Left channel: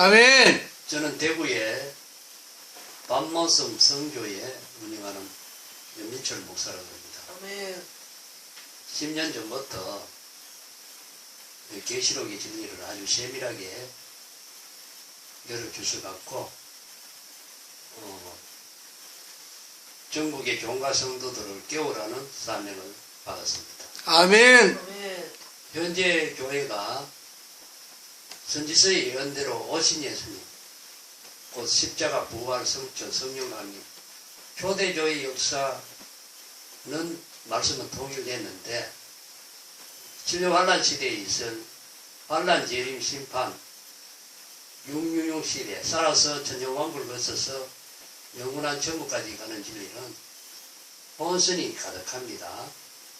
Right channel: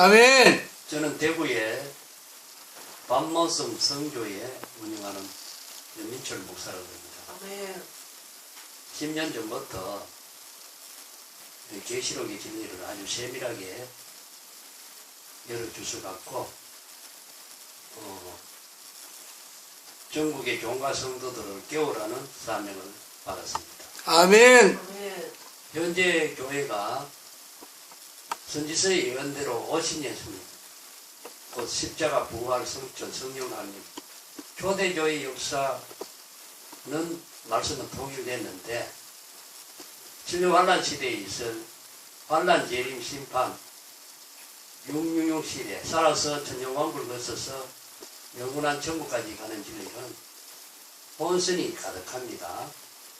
아멘. 저는 대구의 밤모섬 성교에 운영하는 연민철 목사라고 합니다. 아멘. 10년 전부터 계시록의 진리를 아주 세밀하게 여러 주서 갖고 전국의 교인과 성도들을 깨우라는 사명을 받았습니다. 아멘. 아멘. 현재 교회가 선지서의 예언대로 오신 예수님, 곧 십자가 부활 성천 성령 강림, 초대교회 역사는 말씀은 통일됐는데 진료 환란 시대에 있은 환란 재림 심판 666 시대 살아서 천년왕국을 거쳐서 영원한 천국까지 가는 진리는 본선이 가득합니다.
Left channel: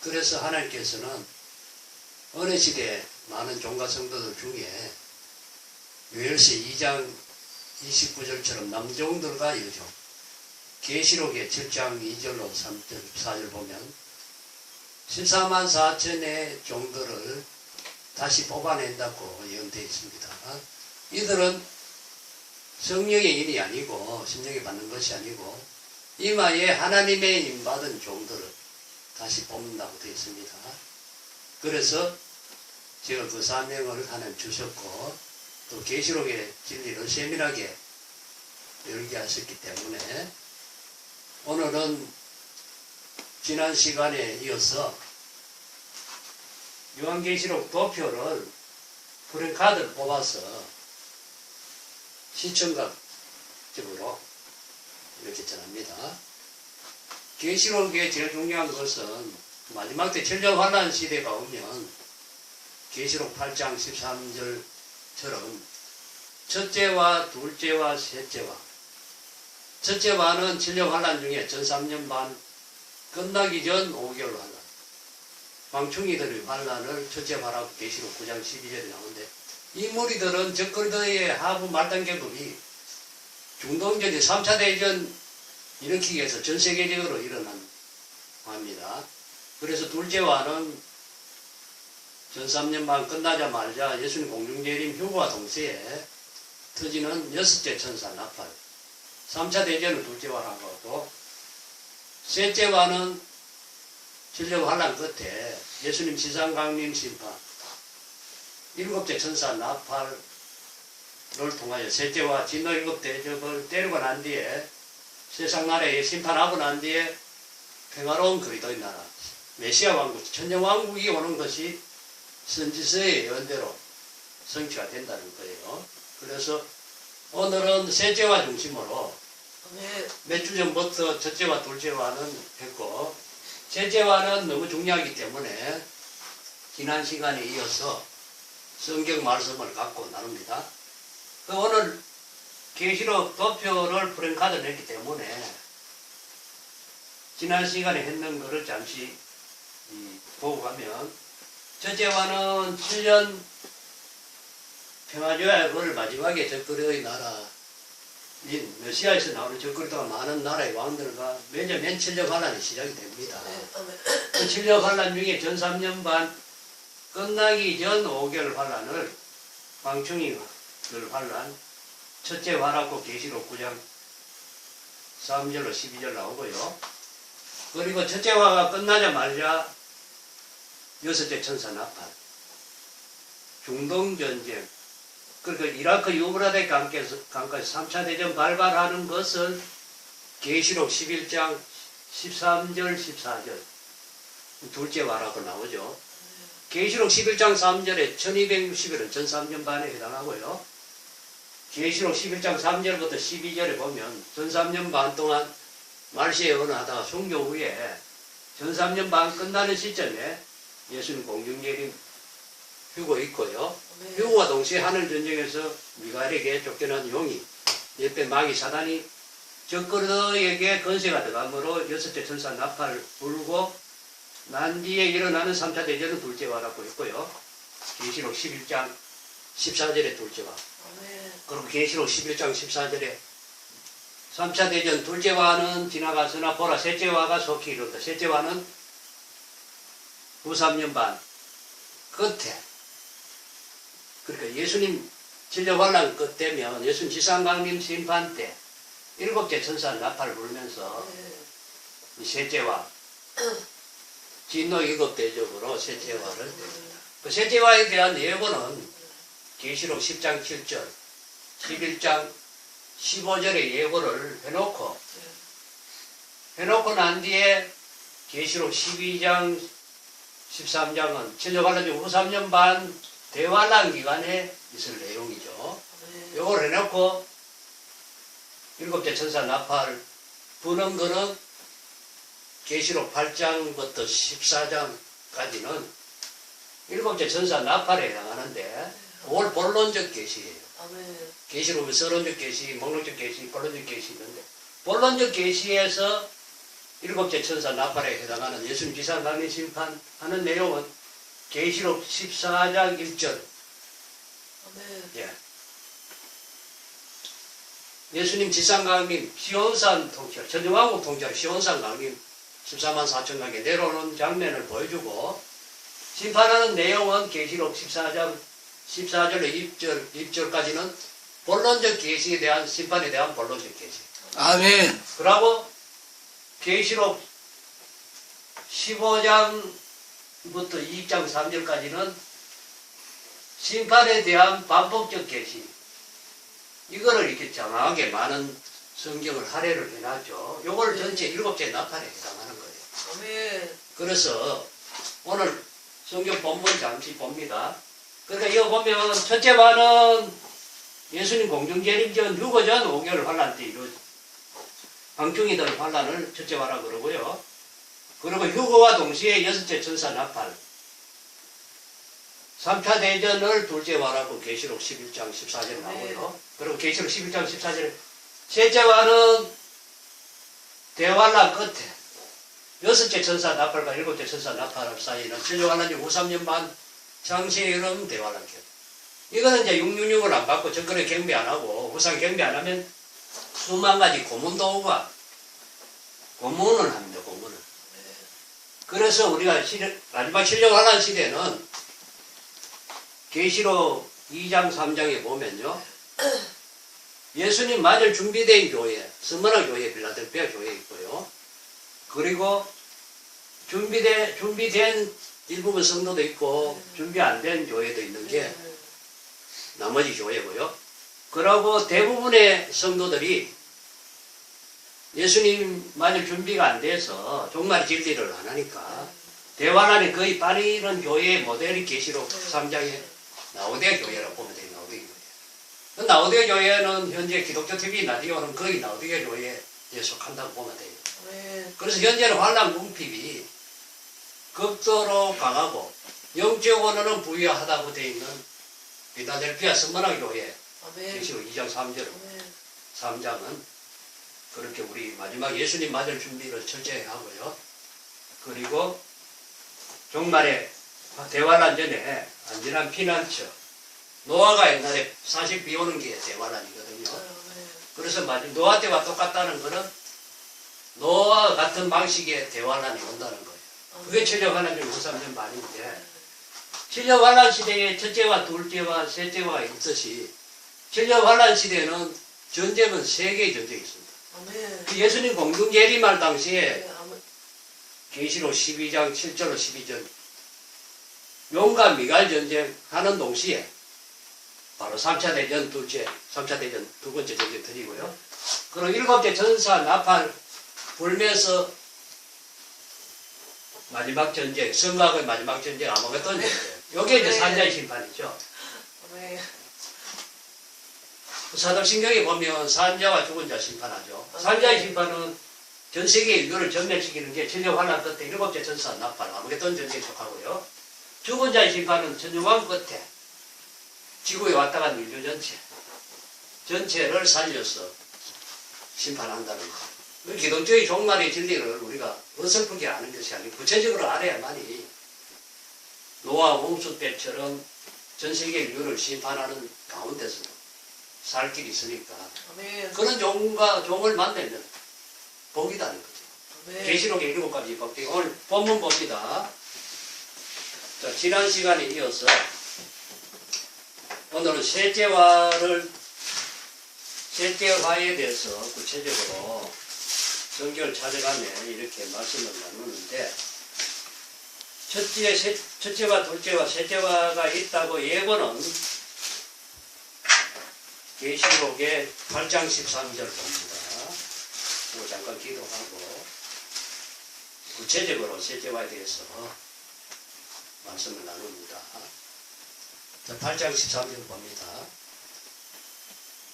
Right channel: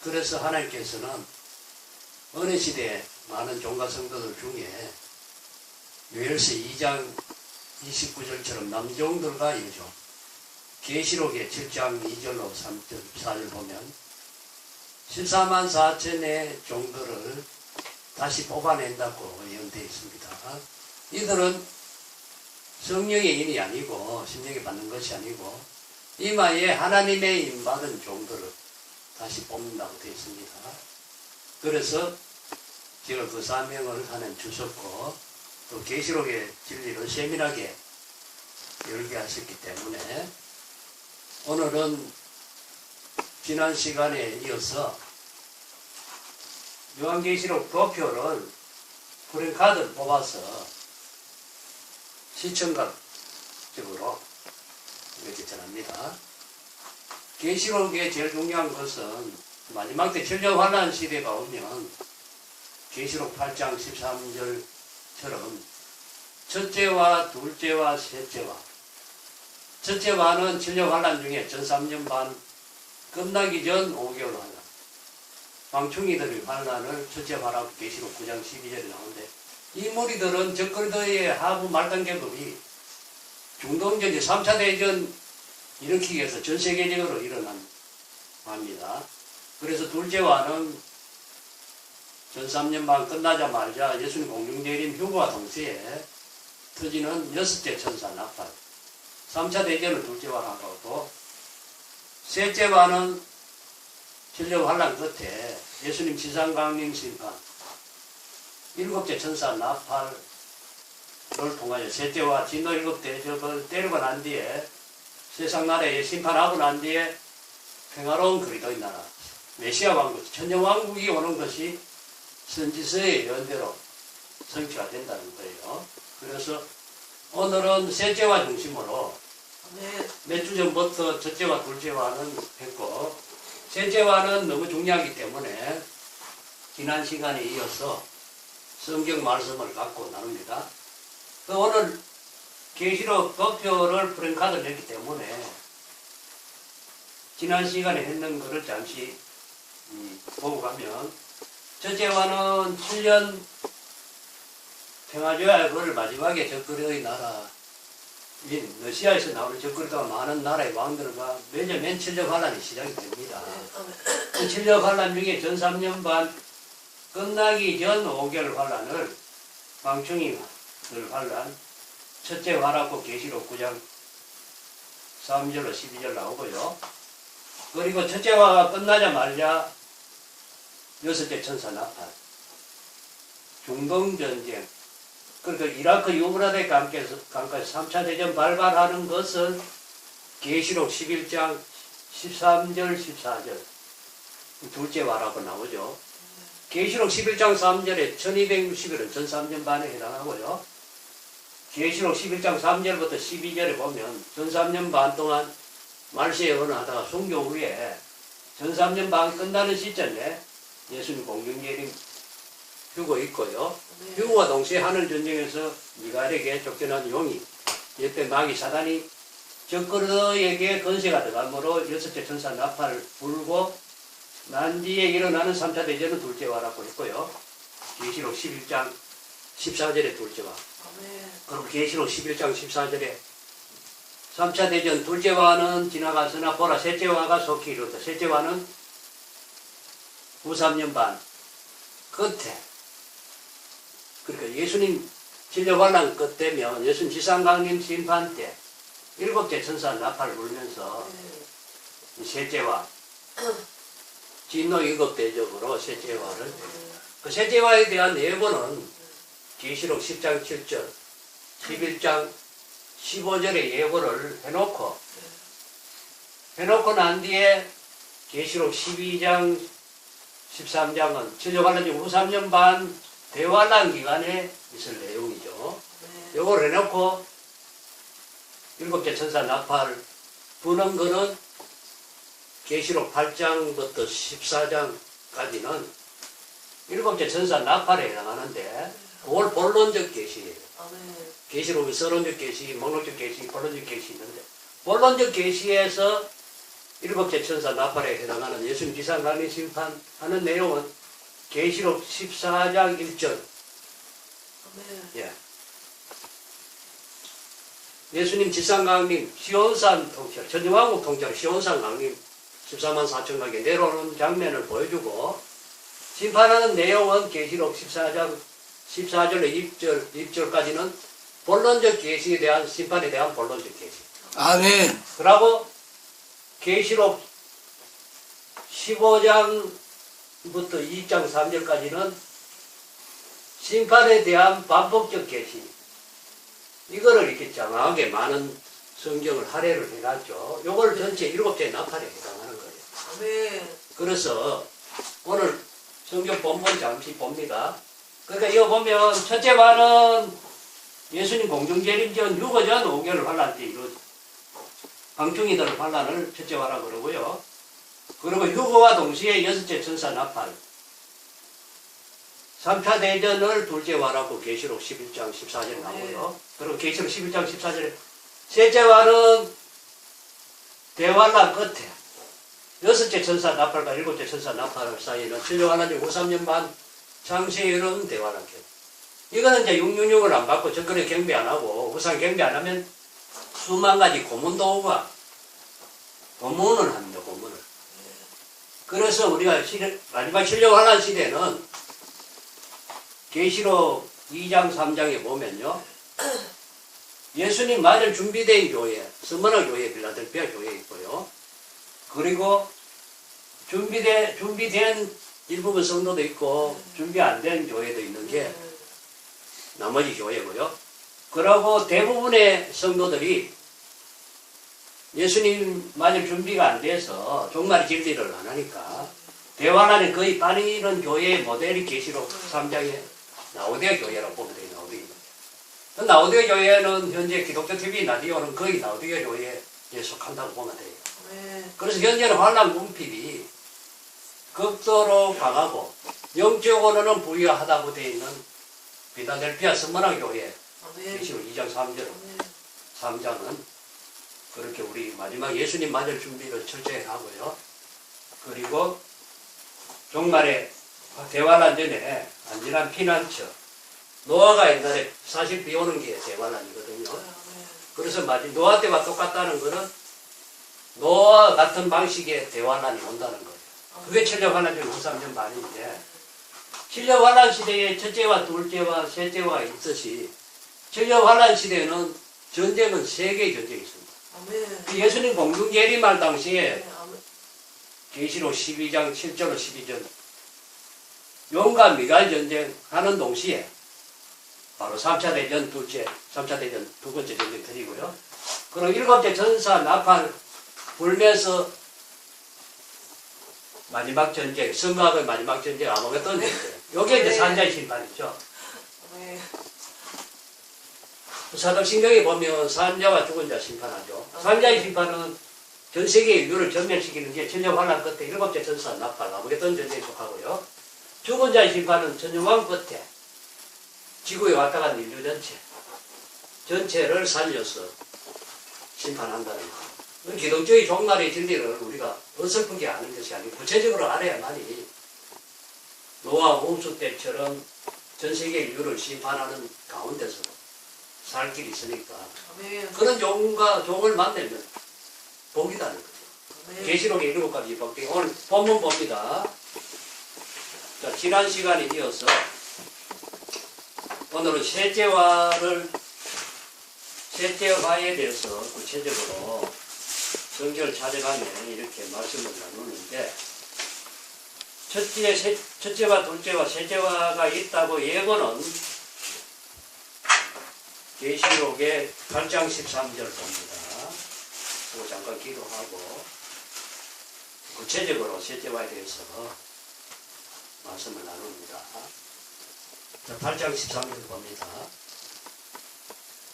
그래서 하나님께서는 어느 시대에 많은 종가 성도들 중에 요엘서 2장 29절처럼 남종들과 여종, 계시록의 7장 2절로 3절 4절 보면 14만 4천의 종들을 다시 뽑아낸다고 예언되어 있습니다. 이들은 성령의 인이 아니고 심령이 받는 것이 아니고 이마에 하나님의 인받은 종들을 다시 뽑는다고 되어 있습니다. 그래서 제가 그 사명을 하나님 주셨고 또 계시록의 진리를 세밀하게 열게 하셨기 때문에 오늘은 지난 시간에 이어서 요한계시록 도표를 프랭카드를 뽑아서 시청각적으로 이렇게 전합니다. 계시록의 제일 중요한 것은 마지막 때 천년 환란 시대가 오면 계시록 8장 13절처럼 첫째와 둘째와 셋째와 첫째와는 천년 환란 중에 전 3년 반 끝나기 전 5개월 환란 망충이들의 환란을 첫째화라고 계시록 9장 12절에 나오는데 이 무리들은 적그리스도의 하부 말단계급이 중동전쟁 3차 대전 일으키기 위해서 전 세계적으로 일어난 합니다. 그래서 둘째와는 전 3년 반 끝나자마자 예수님 공중재림 휴거와 동시에 터지는 6째 천사 나팔 3차 대전을 둘째화라고 하고 셋째와는 진료 환란 끝에 예수님 지상 강림 심판 7째 천사 나팔을 통하여 셋째와 진노 7 대접을 때리고 난 뒤에 세상 나라에 심판하고 난 뒤에 평화로운 그리스도의 나라 메시아 왕국 천년왕국이 오는 것이 선지서의 예언대로 성취가 된다는 거예요. 그래서 오늘은 셋째와 중심으로 몇 주 전부터 첫째와 둘째와는 했고 셋째와는 너무 중요하기 때문에 지난 시간에 이어서 성경 말씀을 갖고 나눕니다. 오늘 계시록 도표를 프랭카드를 했기 때문에 지난 시간에 했는 것을 잠시 보고 가면 첫째와는 7년 평화조약을 마지막에 적그리스도의 나라인 러시아에서 나오는 적그리스도가 많은 나라의 왕들과 매년 맨 7년 환란이 시작이 됩니다. 그 7년 환란 중에 전 3년 반 끝나기 전 5개월 환란을 방충이들 환란 첫째 화라고 계시록 9장 3절로 12절 나오고요. 그리고 첫째 화가 끝나자마자 6째 천사 나팔 중동전쟁 그리고 이라크 유브라데 강가에서 3차 대전 발발하는 것을 계시록 11장 13절 14절 둘째 화라고 나오죠. 계시록 11장 3절에 1260일은 전 3년 반에 해당하고요. 계시록 11장 3절부터 12절에 보면 전 3년 반 동안 말세 예언하다가 순교 후에 전 3년 반 끝나는 시점에 예수님 공중재림 휴거 있고요. 휴거와 동시에 하늘전쟁에서 미가엘에게 쫓겨난 용이 옆에 마귀 사단이 적그리스도에게 건세가 들어가므로 6째 천사 나팔을 불고 난 뒤에 일어나는 3차 대전은 둘째화라고 했고요. 계시록 11장 14절에 둘째화. 그리고 계시록 11장 14절에 3차 대전 둘째화는 지나갔으나 보라 셋째화가 속히 이르렀다. 셋째화는 후 3년 반 끝에 그러니까 예수님 진료환란 끝 되면 예수님 지상강림 심판 때 일곱째 천사 나팔 불면서 이 셋째와 진노 일곱 대적으로 셋째화를 됩니다. 그 셋째화에 대한 예고는 계시록 10장 7절, 11장 15절의 예고를 해놓고 난 뒤에 계시록 12장 13장은 천주환란 중 후 3년 반 대환란 기간에 있을 내용이죠. 요걸 해놓고 일곱째 천사 나팔 부는 거는 계시록 8장부터 14장까지는 일곱째 천사 나팔에 해당하는데 그걸 본론적 계시예요. 계시록의 서론적 계시, 목록적 계시, 본론적 계시 있는데 본론적 계시에서 일곱째 천사 나팔에 해당하는 예수님 지상강림 심판하는 내용은 계시록 14장 1절. 예. 예수님 지상강림 시온산 통치, 전쟁왕국 통치할 시온산 강림 14만 4천 명이 내려오는 장면을 보여주고 심판하는 내용은 계시록 14장 14절로 2절까지는 본론적 계시에 대한 심판에 대한 본론적 계시. 아멘. 그리고 계시록 15장부터 2장 3절까지는 심판에 대한 반복적 계시. 이거를 이렇게 장황하게 많은 성경을 할애를 해놨죠. 요걸 전체 일곱째 나팔에 해당하는 거예요. 그래서 오늘 성경 본문 잠시 봅니다. 그러니까 이거 보면 첫째 반은 예수님 공중재림전 6호 전 5개월 환란 때 이루어진 방충이들 환란을 첫째 화라 그러고요. 그리고 휴거와 동시에 여섯째 천사 나팔 3차 대전을 둘째 화라고 계시록 11장 14절에 나오고요. 그리고 계시록 11장 14절에 셋째 화는 대환란 끝에 여섯째 천사 나팔과 일곱째 천사 나팔 사이에는 천주환란 중 53년 반 장시에 이르는 대환란 격. 이거는 이제 666을 안 받고 정권에 경배 안 하고 우상 경배 안 하면 수만 가지 고문도구가 고문을 합니다. 고문을. 그래서 우리가 마지막 천주환란 시대는 계시록 2장 3장에 보면요. 예수님 맞을 준비된 교회, 스무나 교회, 빌라델피아 교회 있고요. 그리고 준비된 일부분 성도도 있고 준비 안 된 교회도 있는 게 나머지 교회고요. 그리고 대부분의 성도들이 예수님 맞을 준비가 안 돼서 종말 진리를 안 하니까 대환란에 거의 빠지는 교회의 모델이 계시록 3장에 나오데 교회라고 보면 돼요. 나오데 교회. 나오데 교회는 현재 기독교 TV 라디오는 거의 나오데 교회에 속한다고 보면 돼요. 그래서 현재는 환란 궁핍이 극도로 강하고 영적 언어는 부유하다고 되어 있는 빌라델피아 선문화 교회 계시록 2장 3장은 그렇게 우리 마지막 예수님 맞을 준비를 철저히 하고요. 그리고 종말에 대환란 전에 안전한 피난처. 노아가 옛날에 사실 비 오는 게 대환란이거든요. 그래서 노아 때와 똑같다는 거는 노아 같은 방식의 대환란이 온다는 거예요. 그게 천주환란 중 3년 반인데 천주환란 시대에 첫째와 둘째와 셋째와 있듯이 천주환란 시대에는 전쟁은 세 개의 전쟁이 있습니다. 예수님 공중재림할 당시에 계시록 12장 7절로 12절 용과 미갈 전쟁 하는 동시에 바로 3차 대전 두 번째 전쟁 터지고요. 그리고 일곱째 천사 나팔 불면서 마지막 전쟁, 성곽의 마지막 전쟁, 아마겟돈 전쟁. 요게 이제 산자의 심판이죠. 사도신경에 보면 산자와 죽은 자 심판하죠. 산자의 심판은 전 세계 인류를 전멸시키는 게 천주환란 끝에 일곱째 천사 나팔, 아마겟돈 전쟁에 속하고요. 죽은 자의 심판은 천주왕 끝에 지구에 왔다 간 인류 전체를 살려서 심판한다는 거예요. 기독교의 종말의 진리를 우리가 어설프게 아는 것이 아니고 구체적으로 알아야만이 노아 홍수 때처럼 전 세계 인류를 심판하는 가운데서 살 길이 있으니까 그런 종을 만들면 복이다는 거죠. 계시록의 7가지 복 중에 오늘 본문 봅니다. 자, 지난 시간에 이어서 오늘은 셋째화에 대해서 구체적으로 성경을 찾아가며 이렇게 말씀을 나누는데, 첫째와 둘째와 셋째화가 있다고 예고는 계시록의 8장 13절 봅니다. 그거 잠깐 기도하고 구체적으로 셋째화에 대해서 말씀을 나눕니다. 자, 8장 13절 봅니다.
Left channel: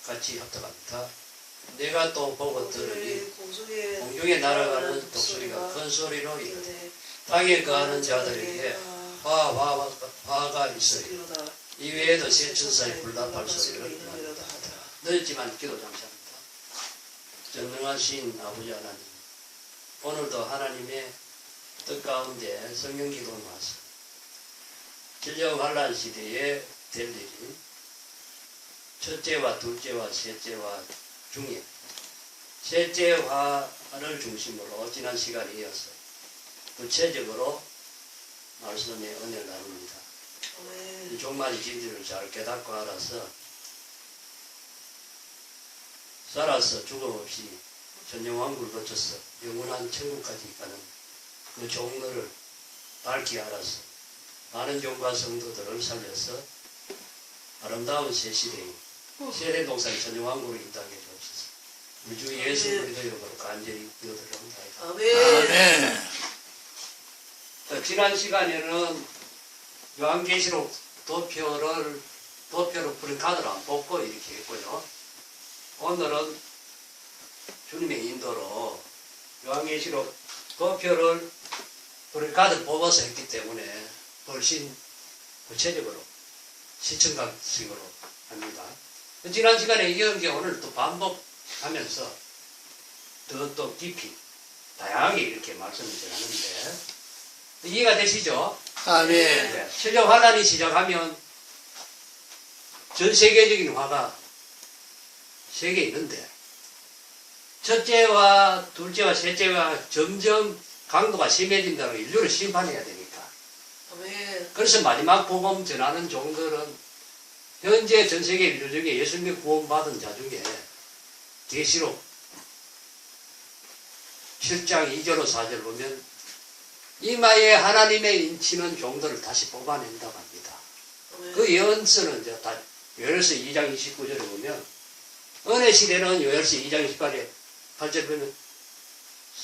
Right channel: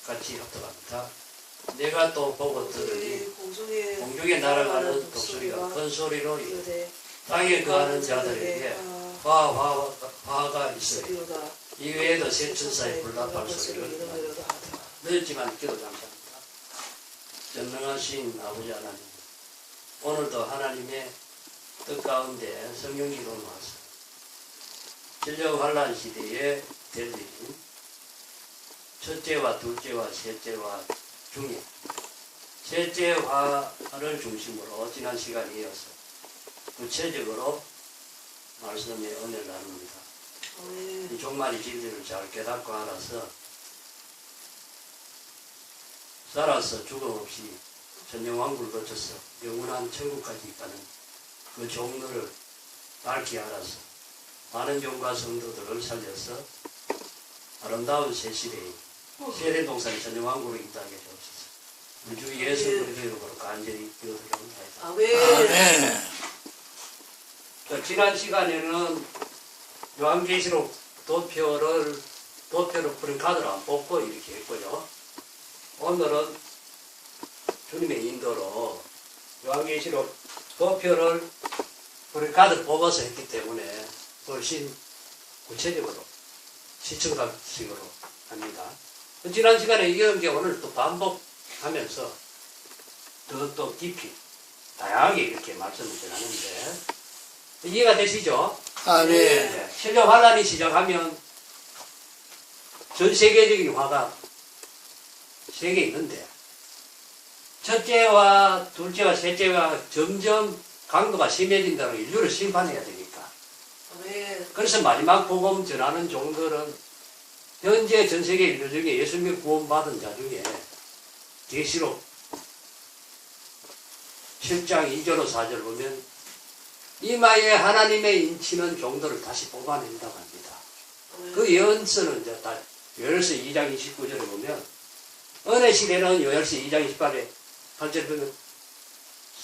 같이 합독합니다. 내가 또 보고 들으니 공중에 날아가는 독수리가 큰 소리로 이르되 땅에 거하는 자들에게 화가 있으리로다. 이외에도 세 천사의 불답할 소리를 나리로다. 늦었지만 기도 감사합니다. 전능하신 아버지 하나님, 오늘도 하나님의 뜻 가운데 성령 기도를 모았습니다. 진정 환란 시대에 될 일인 첫째와 둘째와 셋째와 중에 셋째화를 중심으로 지난 시간에 이어서 구체적으로 말씀의 은혜를 나눕니다. 이 종말의 진리를 잘 깨닫고 알아서 살아서 죽음 없이 전영왕국을 거쳐서 영원한 천국까지 가는 그 종로를 밝히 알아서 많은 종과 성도들을 살려서 아름다운 새 시대에 세례동산 전영왕국을 인도하게 주옵소서. 우리 주 예수 그리스도 이름으로 간절히 기도드립니다. 아멘. 지난 시간에는 요한계시록 도표를 푸른 카드를 안 뽑고 이렇게 했고요. 오늘은 주님의 인도로 요한계시록 도표를 푸른 카드를 뽑아서 했기 때문에 훨씬 구체적으로 시청각식으로 합니다. 지난 시간에 이어온 게 오늘 또 반복하면서 더 깊이 다양하게 이렇게 말씀을 전하는데 이해가 되시죠? 아멘. 네. 세계 환란이 시작하면 전 세계적인 화가 세 개 있는데 첫째와 둘째와 셋째와 점점 강도가 심해진다고 인류를 심판해야 되니까. 그래서 마지막 복음 전하는 종들은 현재 전 세계 인류 중에 예수님의 구원받은 자 중에 계시록 7장 2절로 4절 보면 이마에 하나님의 인치는 종들을 다시 뽑아낸다고 합니다. 그 예언서는 이제 다 요엘서 2장 29절에 보면 은혜 시대는 요엘서 2장 28절 보면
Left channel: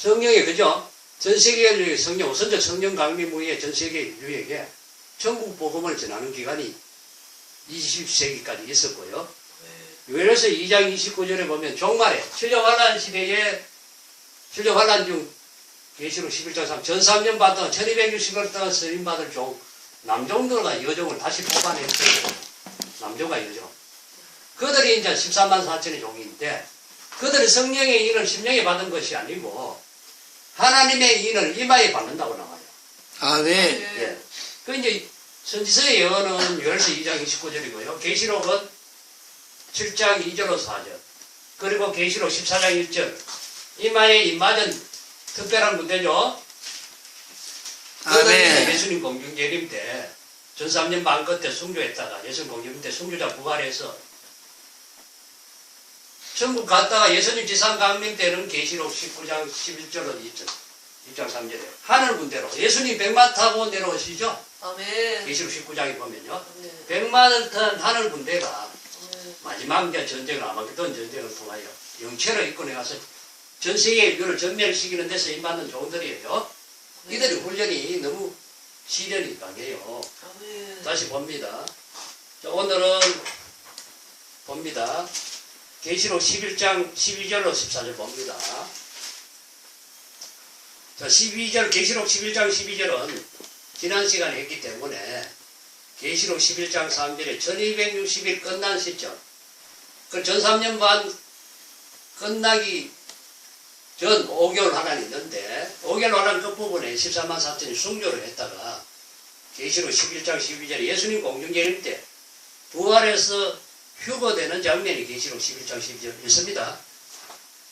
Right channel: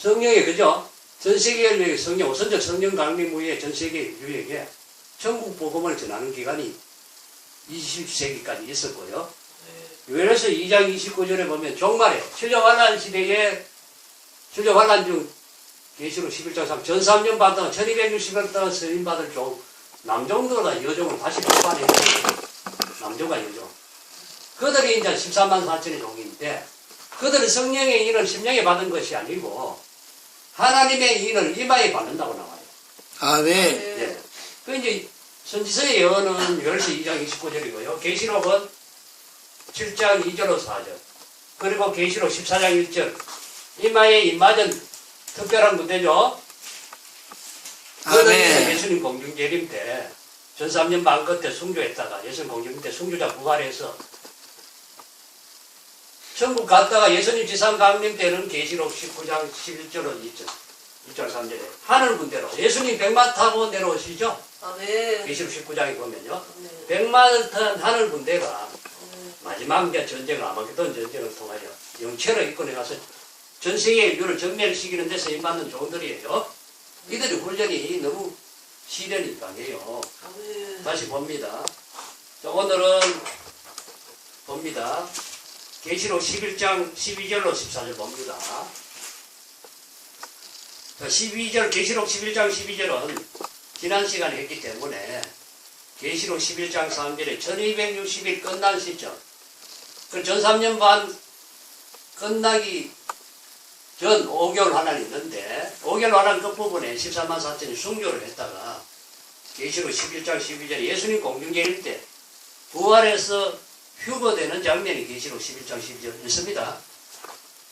성령의 그죠? 전 세계 인류의 성령, 우선적 성령 강림 후에 전 세계 인류에게 천국 복음을 전하는 기간이 20세기까지 있었고요. 요엘서 2장 29절에 보면 종말에 천년 환란 시대에 천년 환란 중 계시록 11장 3 전 3년 받던 1260일 동안 서임 받을 종 남종들과 여종을 다시 뽑아냈어요. 남종과 여종. 그들이 이제 13만 4천의 종인데 그들은 성령의 인을 심령에 받은 것이 아니고 하나님의 인을 이마에 받는다고 나와요. 아멘. 예. 그 이제 선지서의 예언은 요엘서 2장 29절이고요. 계시록은 7장 2절로 4절. 그리고 계시록 14장 1절. 이마에 입맞은 특별한 문제죠. 아멘. 예수님 공중재림 때 전 3년 반 끝에 순교했다가 예수님 공중재림 때 순교자 부활해서 천국 갔다가 예수님 지상 강림 때는 계시록 19장 11절로 2장 3절에 하늘 군대로 예수님 백마 타고 내려오시죠. 아멘. 계시록 19장에 보면요. 아멘. 백마를 탄 하늘 군대가 마지막 전쟁을 아마겟돈 전쟁을 통하여 영체로 이끌어가서 전 세계 인류를 전멸시키는 데서 임받는 종들이에요. 이들의 훈련이 너무 시련이 강해요. 아멘. 다시 봅니다. 자, 오늘은 봅니다. 계시록 11장 12절로 14절 봅니다. 자, 12절 계시록 11장 12절은 지난 시간에 했기 때문에 계시록 11장 3절에 1260일 끝난 시점 그 전 3년 반 끝나기 전 5개월 환란이 있는데 5개월 환란 끝부분에 14만 4천이 순교를 했다가 계시록 11장 12절에 예수님 공중재림 때 부활해서 휴거되는 장면이 계시록 11장 12절 있습니다.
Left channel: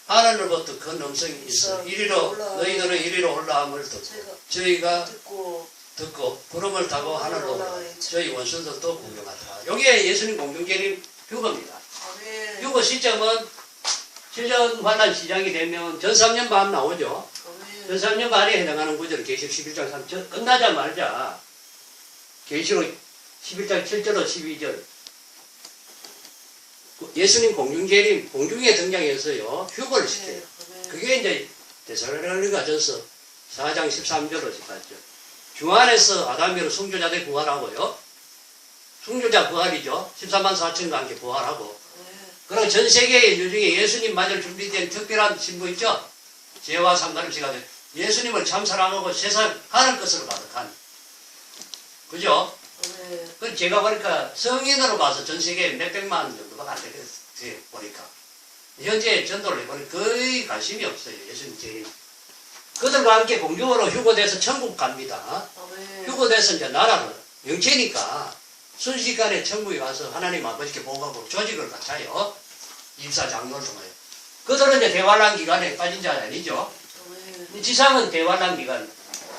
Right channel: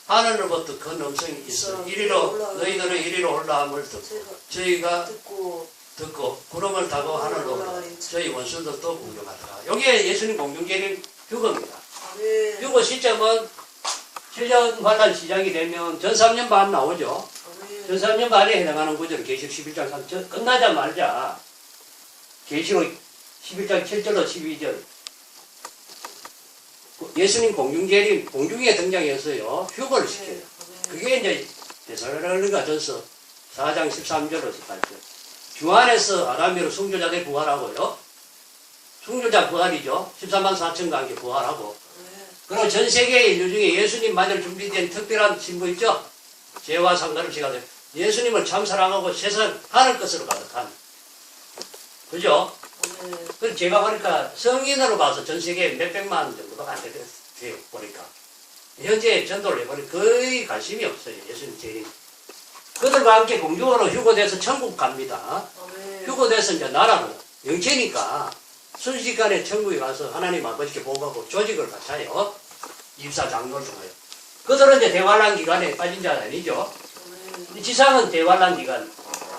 하늘로부터 큰 음성이 있어 이리로 너희들은 이리로 올라옴을 듣고 저희가 듣고 구름을 타고 하늘로 오르 저희 원수들도 공경하더라. 여기에 예수님 공중계림 휴거입니다. 휴거 시점은 7년 환란 시작이 되면 전 3년 반 나오죠. 전 3년 반에 해당하는 구절 계시록 11장 3절 끝나자마자 계시록 11장 7절로 12절 예수님 공중재림 공중에 등장해서요 휴거를 시켜요. 그게 이제 데살로니가전서 4장 13절로 18절 주 안에서 아담이로 순교자들 부활하고요. 순교자 부활이죠. 14만 4천과 함께 부활하고 그리고 전 세계의 인류 중에 예수님 맞을 준비된 특별한 신부 있죠. 죄와 상관없이 가지고 예수님을 참 사랑하고 세상 하늘 것으로 가득한 그죠? 그 제가 보니까 성인으로 봐서 전 세계에 몇백만 정도가 안 되겠어요. 보니까 현재 전도를 해보니 거의 관심이 없어요. 예수님 재림. 그들과 함께 공중으로 휴거돼서 천국 갑니다. 휴거돼서 이제 나라로 영체니까 순식간에 천국에 가서 하나님 아버지께 보고하고 조직을 갖춰요. 입사 장로를 통하여. 그들은 이제 대환란 기간에 빠진 자 아니죠. 지상은 대환란 기간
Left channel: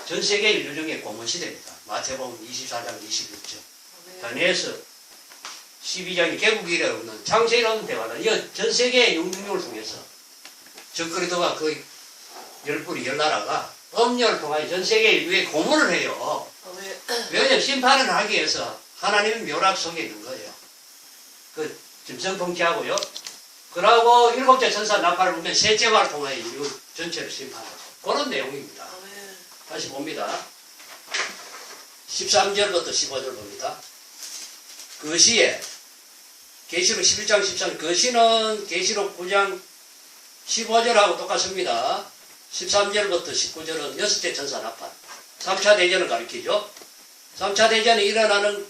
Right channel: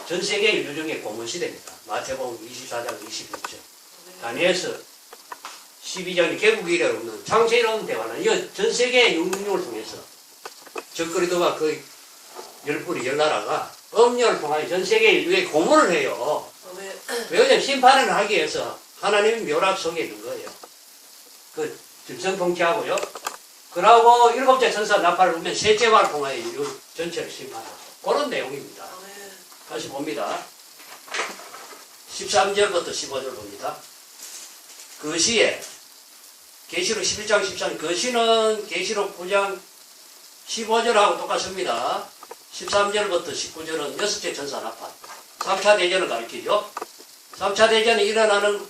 전 세계 인류 중에 고문 시대입니다. 마태복음 24장 21절. 다니엘서 12장이 개국 이래 없는 창세일 없는 대환란. 전 세계의 영능력을 통해서 적그리스도와 그 열불이 열나라가 엄녀를 통하여 전 세계 인류에 고문을 해요. 왜냐하면 심판을 하기 위해서 하나님의 묘락 속에 있는 거예요. 그 짐승 통치하고요. 그러고 일곱째 천사 나팔을 보면 셋째와를 통하여 인류 전체를 심판하고 그런 내용입니다. 다시 봅니다. 13절부터 15절 봅니다. 그 시에 계시록 11장 13절 그 시는 계시록 9장 15절하고 똑같습니다. 13절부터 19절은 여섯째 천사 나팔 3차 대전을 가리키죠. 3차 대전이 일어나는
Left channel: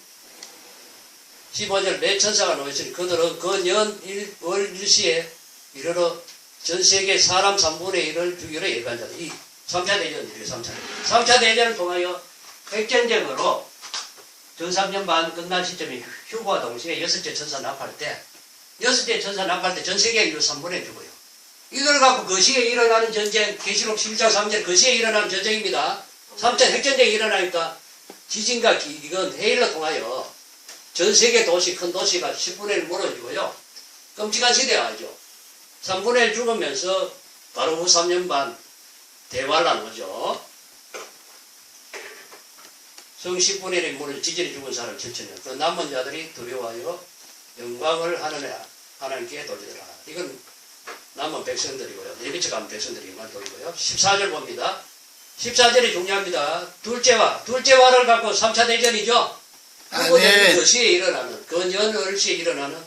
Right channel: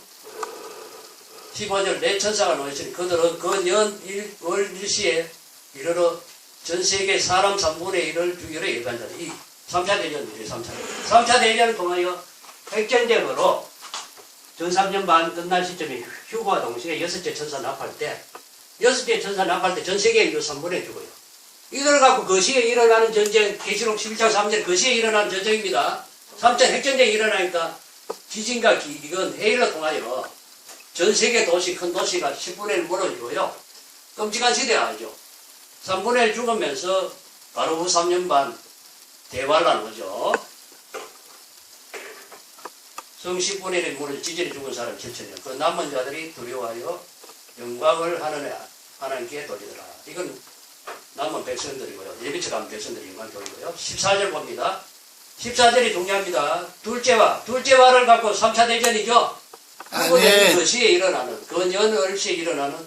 15절 네 천사가 놓여있으니 그들은 그 월 일시에 이르러 전 세계 사람 3분의 1을 주기로 예배한다. 이 3차 대전이에요. 3차 대전. 3차 대전을 통하여 핵전쟁으로 전 3년 반 끝날 시점에 휴거와 동시에 여섯째 천사 나팔 때 여섯째 천사 나팔 때 전 세계 인류 3분의 죽어요. 이걸 갖고 그 시에 일어나는 전쟁 계시록 11장 3절 그 시에 일어나는 전쟁입니다. 3차 핵전쟁이 일어나니까 지진과 이건 해일로 통하여 전 세계 도시, 큰 도시가 10분의 1 무너지고요. 끔찍한 시대가 아니죠. 3분의 1 죽으면서 바로 후 3년 반 대환란 오죠. 성 10분의 1이 무너져 지진이 죽은 사람 7천명. 그 남은 자들이 두려워하여 영광을 하나님께 돌리더라. 이건 남은 백성들이고요. 예비처 가면 백성들이만 돌리고요. 14절 봅니다. 14절이 중요합니다. 둘째와를 갖고 3차 대전이죠. 아멘. 그 시에 일어나는, 그 연월시에 일어나는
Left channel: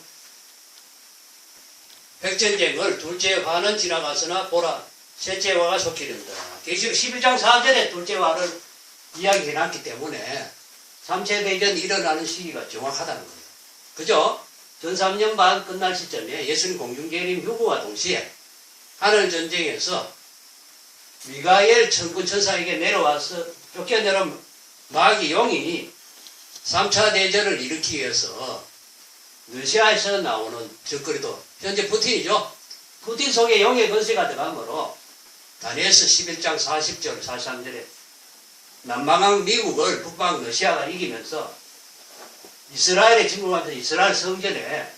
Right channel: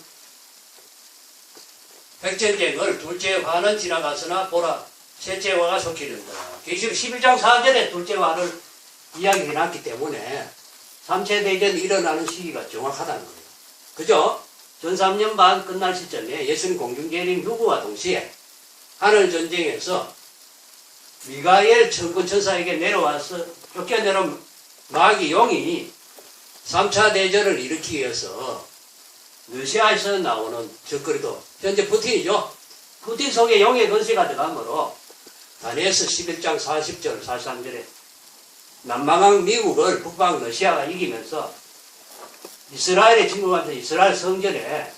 백전쟁을 둘째 화는 지나갔으나 보라, 셋째 화가 속히 이른다. 계시록 11장 4절에 둘째 화를 이야기해놨기 때문에 3차 대전이 일어나는 시기가 정확하다는 거예요. 그죠? 전 3년 반 끝날 시점에 예수님 공중재림 휴거와 동시에 하늘전쟁에서 미가엘 천군 천사에게 내려와서 쫓겨내려온 마귀 용이 3차 대전을 일으키기 위해서 러시아에서 나오는 적그리도 현재 푸틴이죠. 푸틴 속에 용의 권세가 들어가므로 다니엘서 11장 40절 43절에 남방한 미국을 북방 러시아가 이기면서 이스라엘에 침공하면서 이스라엘 성전에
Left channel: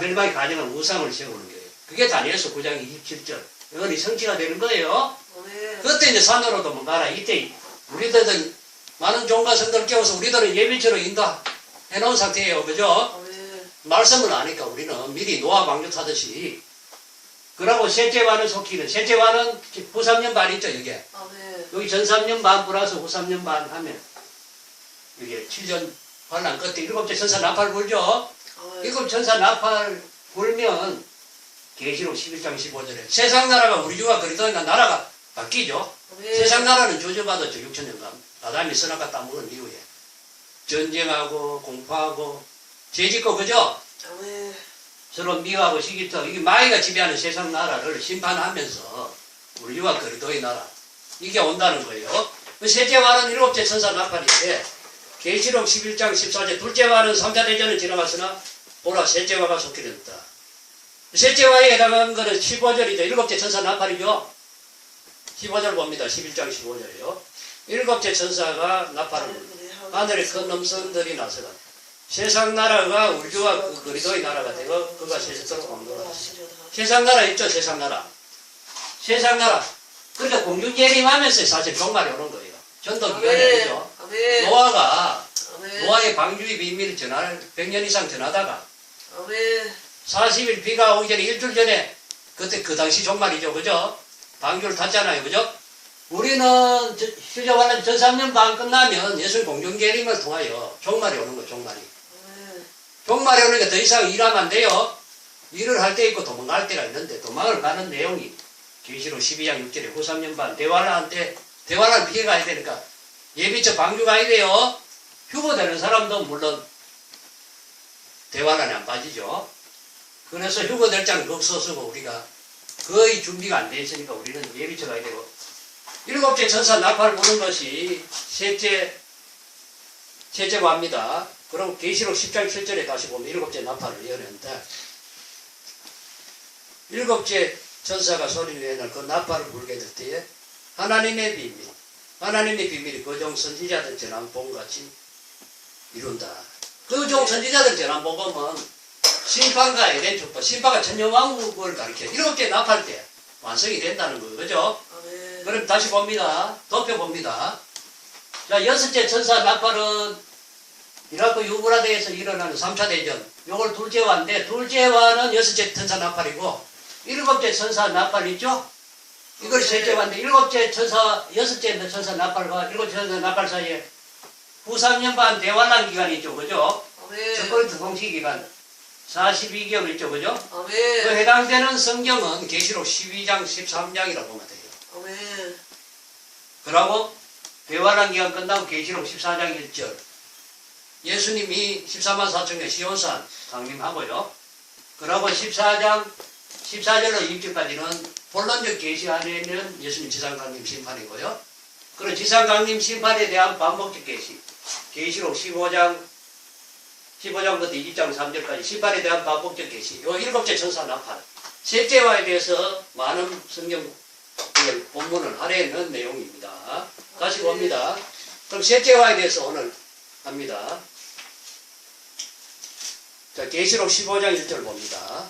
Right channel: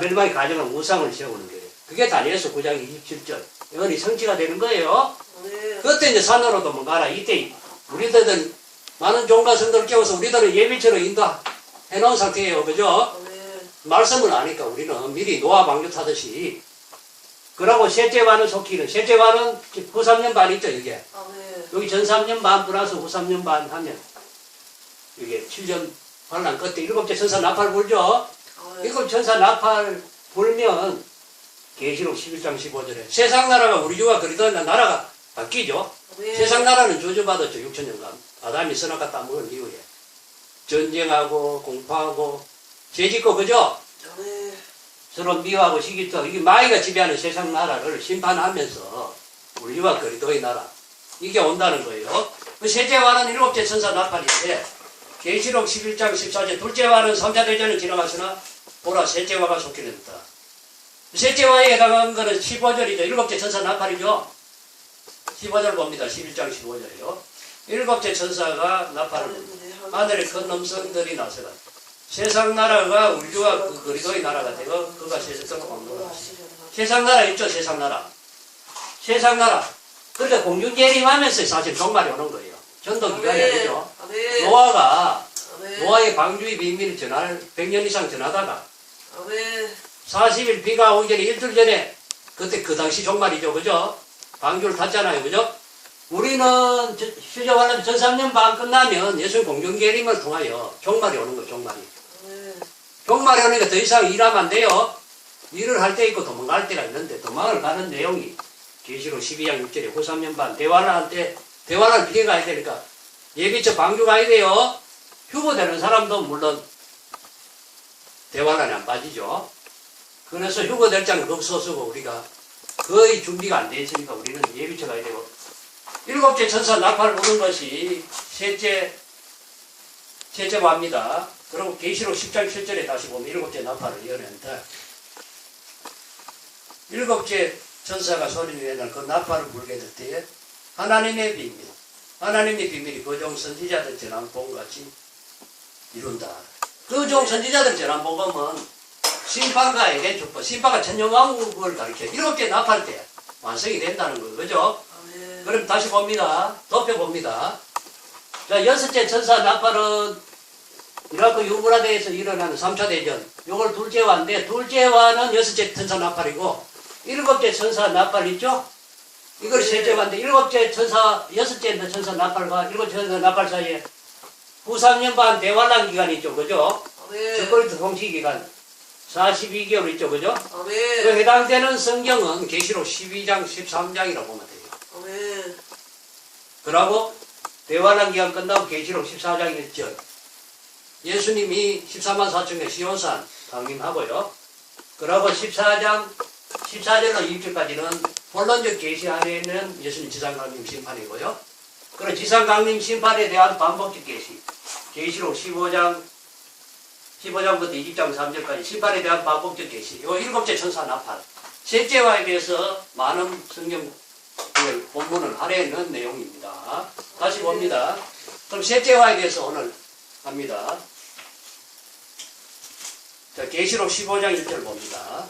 멸망의 가정한 우상을 세우는 거예요. 그게 다니엘서 9장 27절. 이건이 성취가 되는 거예요. 그때 이제 산으로 도망가라. 이때 우리들은 많은 종과 성도를 깨워서 우리들은 예비처로 인도해 놓은 상태예요. 그죠? 말씀을 아니까 우리는 미리 노아 방주타듯이. 그러고 셋째 반을 속히는, 셋째 반은 후 3년 반 있죠, 이게. 여기 전 3년 반 플러스 후 3년 반 하면, 이게 7년 반란 끝에 일곱째 천사 나팔 불죠? 일곱 천사 나팔 불면, 계시록 11장 15절에 세상 나라가 우리 주가 그리스도의 나라가 바뀌죠. 세상 나라는 저주받았죠. 6천년간 아담이 선악과 따먹은 이후에 전쟁하고 공파하고 죄짓고 그죠. 서로 미워하고 시기도 이게 마귀가 지배하는 세상 나라를 심판하면서 우리 주가 그리스도의 나라 이게 온다는 거예요. 셋째 화는 일곱째 천사 나팔인데 계시록 11장 14절 둘째 화는 3차 대전은 지나갔으나 보라 셋째 화가 속히 된다. 셋째 화에 해당하는 것은 15절이죠. 일곱째 천사 나팔이죠. 15절 봅니다. 11장 15절이요. 일곱째 천사가 나팔을 불고 하늘에 큰 음성들이 나서가 세상 나라가 우주와 그 그리도의 나라가 되고 그가 세상으로 옮노라. 세상 나라 있죠, 세상 나라. 세상 나라. 그래서 공중 예림하면서 사실 종말이 오는 거예요. 전도 기간이 아니죠. 노아가 노아의 방주의 비밀을 100년 이상 전하다가 40일 비가 오기 전에 일주일 전에 그때 그 당시 종말이죠, 그죠? 방주를 탔잖아요, 그죠? 우리는 실제관람 1300년 반 끝나면 예수님 공중 예림을 통하여 종말이 오는 거예요, 종말이. 종말이 오니까 더 이상 일하면 안 돼요. 일을 할 때 있고 도망갈 때가 있는데 도망을 가는 내용이 계시록 12장 6절에 후 3년 반 대환란 때 대환란 피해 가야 되니까 예비처 방주 가야 돼요. 휴거되는 사람도 물론 대환란에 안 빠지죠. 그래서 휴거될 장은 없어서고 우리가 거의 준비가 안 돼 있으니까 우리는 예비처 가야 되고 일곱째 천사 나팔을 부는 것이 셋째고 합니다. 그럼 계시록 10장 7절에 다시 보면 일곱째 나팔을 여는데 일곱째 천사가 소리를 내는 그 나팔을 불게 될 때에 하나님의 비밀이 그종 선지자들 전한 본같이 이룬다. 그종 선지자들 전한 본감은 심판과 에덴 축복, 심판과 천년왕국을 가리켜 일곱째 나팔 때 완성이 된다는 거예요. 그죠? 그럼 다시 봅니다. 덮여봅니다. 자, 여섯째 천사 나팔은 이라크 유브라데에서 일어나는 3차 대전. 요걸 둘째화인데, 둘째화는 여섯째 천사 나팔이고, 일곱째 천사 나팔 있죠? 이걸 셋째화인데, 일곱째 천사, 여섯째 천사 나팔과 일곱째 천사 나팔 사이에 후 3년 반 대환란 기간이 있죠. 그죠? 적그리스도 통치 기간 42개월 있죠. 그죠? 그 해당되는 성경은 계시록 12장, 13장이라고 보면 돼요. 그러고 대환란 기간 끝나고 계시록 14장 1절. 예수님이 14만 4천의 시온산 강림하고요. 그러고 14절로 20절까지는 본론적 계시 안에는 예수님 지상강림 심판이고요. 그리고 지상강림 심판에 대한 반복적 계시. 계시록 15장부터 20장 3절까지 심판에 대한 반복적 계시. 요 일곱째 천사 나팔. 셋째화에 대해서 많은 성경 본문을 할애하는 내용입니다. 다시 봅니다. 그럼 셋째화에 대해서 오늘 합니다. 자, 계시록 15장 1절 봅니다.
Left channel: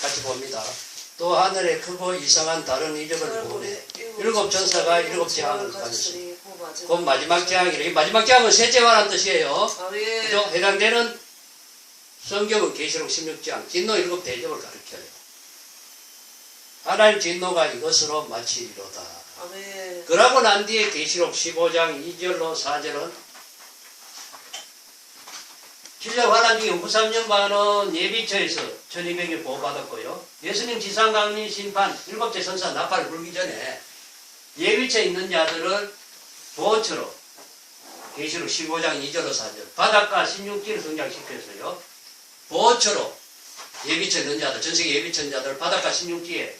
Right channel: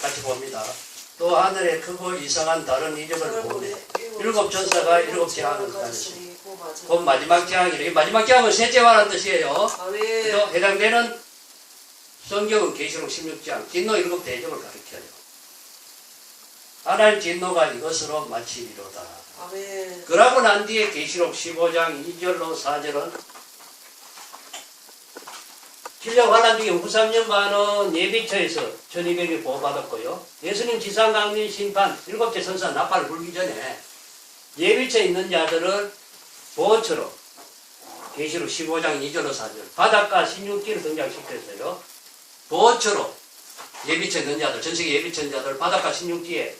같이 봅니다. 또 하늘에 크고 이상한 다른 이적을 보네. 일곱 천사가 일곱 재앙을 가졌으니 곧 마지막 재앙이래. 마지막 재앙은 셋째화라는 뜻이에요. 그죠? 해당되는 성경은 계시록 16장 진노 일곱 대접을 가리켜요. 하나님 진노가 이것으로 마치리로다. 그러고 난 뒤에 계시록 15장 2절로 4절은 실력 환란 중에 후 3년 반은 예비처에서 1200일 보호받았고요. 예수님 지상강림 심판 일곱째 천사 나팔을 불기 전에 예비처에 있는 자들을 보호처로 계시록 15장 2절로 4절 바닷가 16기를 등장시켰어요. 보호처로 예비처에 있는 자들, 전세계 예비처 있는 자들 바닷가 16기에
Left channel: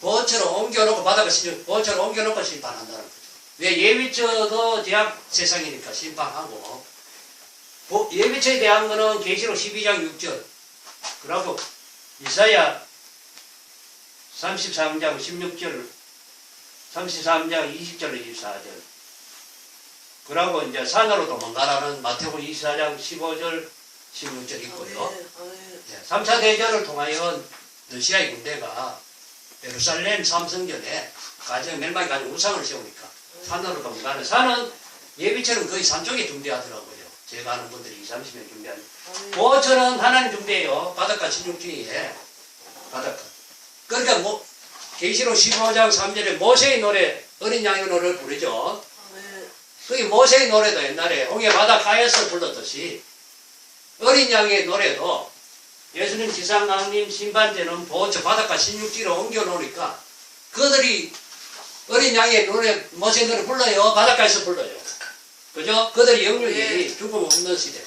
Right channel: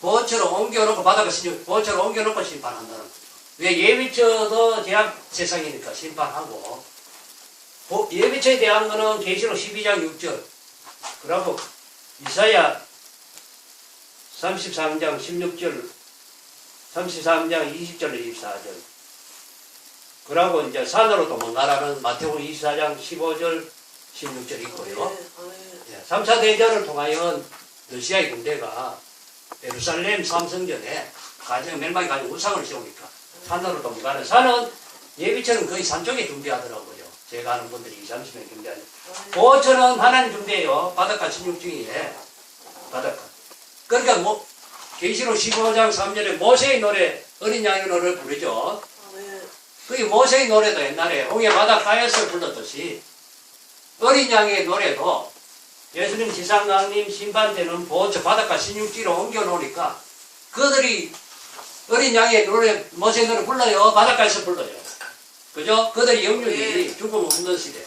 보호처로 옮겨놓고 바닷가 16기 보호처로 옮겨놓고 심판한다는 거죠. 왜 예비처도 제약 세상이니까 심판하고 예비처에 대한 거는 계시록 12장 6절 그리고 이사야 33장 16절 33장 20절로 24절 그리고 이제 산으로 도망가라는 마태복음 24장 15절 16절 있고요. 3차 대전을 통하여 러시아의 군대가 예루살렘 삼성전에 가정 멸망이 가진 우상을 세우니까 산으로 도망가는 산은 예비처는 거의 산 쪽에 존재하더라고요. 제가 아는 분들이 20, 30명 경비하는. 보호처는 하나님 준비해요. 바닷가 16중에 바닷가. 그러니까 계시록 15장 3절에 모세의 노래, 어린 양의 노래를 부르죠. 그게 모세의 노래도 옛날에 홍해 바닷가에서 불렀듯이 어린 양의 노래도 예수님 지상강림 심판제는 보호처 바닷가 16지로 옮겨놓으니까 그들이 어린 양의 노래, 모세의 노래 불러요. 바닷가에서 불러요. 그죠? 그들의 영육이 죽음 없는 시대.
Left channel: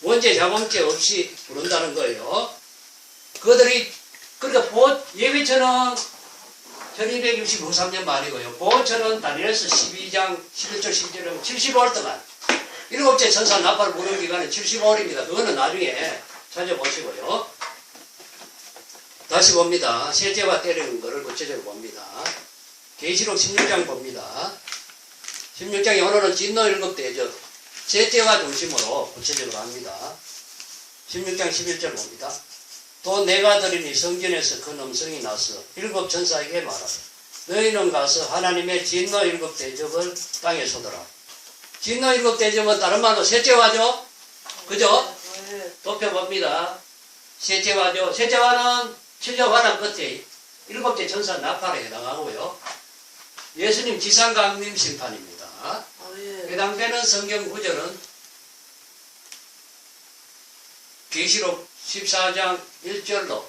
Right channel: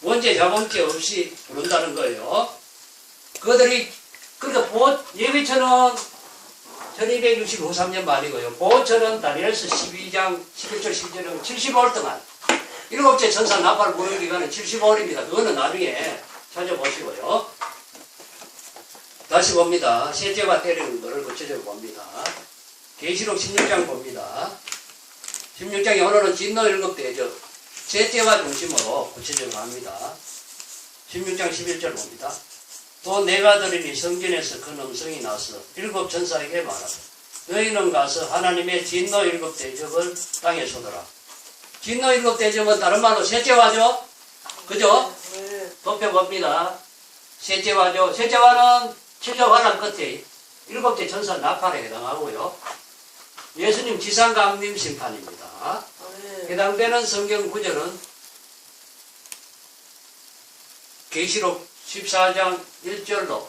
원죄, 자범죄 없이 부른다는 거예요. 그들이, 그러니까 예비처는 1265, 3년 만이고요. 보호처는 다니엘서 12장 11절, 12절은 75월 동안. 일곱째 천사 나팔을 부는 기간은 75월입니다. 그거는 나중에 찾아보시고요. 다시 봅니다. 셋째와 때리는 것을 구체적으로 봅니다. 계시록 16장 봅니다. 16장에 오늘은 진노 7대접 셋째와 중심으로 구체적으로 합니다. 16장 11절 봅니다. 또 내가 들으니 성전에서 큰 음성이 나서 7 천사에게 말하라. 너희는 가서 하나님의 진노 7대접을 땅에 쏟아라. 진노 7대접은 다른 말로 셋째와죠? 그죠? 덮여봅니다. 셋째와죠. 셋째와는 7년 환란 끝에 7째 천사 나팔에 해당하고요. 예수님 지상강림 심판입니다. 해당되는 성경 구절은 계시록 14장 1절로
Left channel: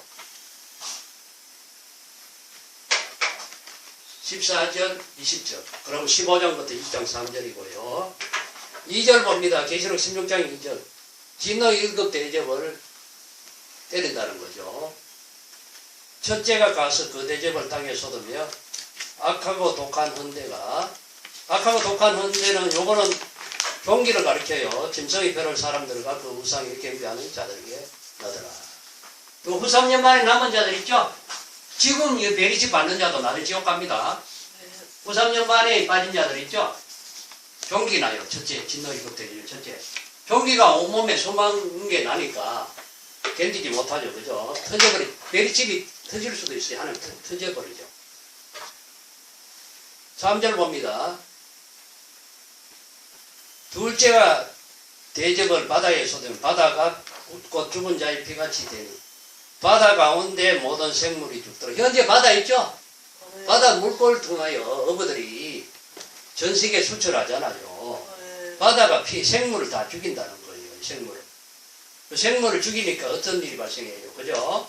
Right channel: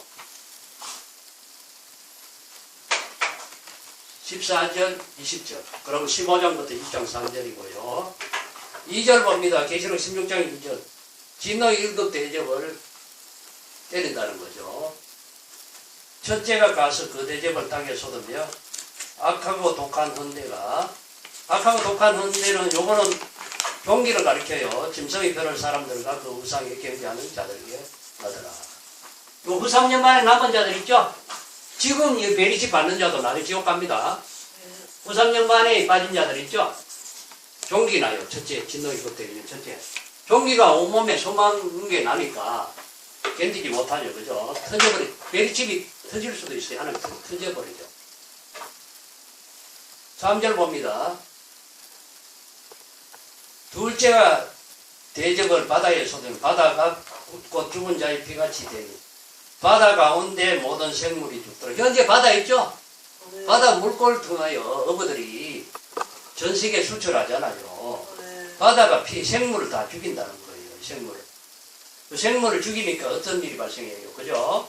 14절 20절 그럼 15장부터 20장 3절이고요. 2절 봅니다. 계시록 16장 2절 진노 7 대접을 때린다는 거죠. 첫째가 가서 그 대접을 땅에 쏟으며 악하고 독한 헌대가 악하고 독한 헌대는 요거는 종기를 가리켜요. 짐승이 별을 사람들과 그 우상에 경배하는 자들에게 나더라. 요 후 3년 만에 남은 자들 있죠? 지금 이 베리치 받는 자도 나중에 지옥 갑니다. 후 3년 만에 빠진 자들 있죠? 종기 나요. 첫째 진노 7 대접 첫째 종기가 온몸에 소망인 게 나니까 견디지 못하죠. 그죠? 터져버리 베리칩이 터질 수도 있어요. 하나님 터져버리죠. 3절 봅니다. 둘째가 대접을 바다에 쏟으면 바다가 굳고 죽은 자의 피같이 되니 바다 가운데 모든 생물이 죽도록. 현재 바다 있죠? 바다 물골 통하여 어부들이 전 세계에 수출하잖아요. 바다가 생물을 다 죽인다는 거예요. 생물을. 그 생물을 죽이니까 어떤 일이 발생해요. 그죠?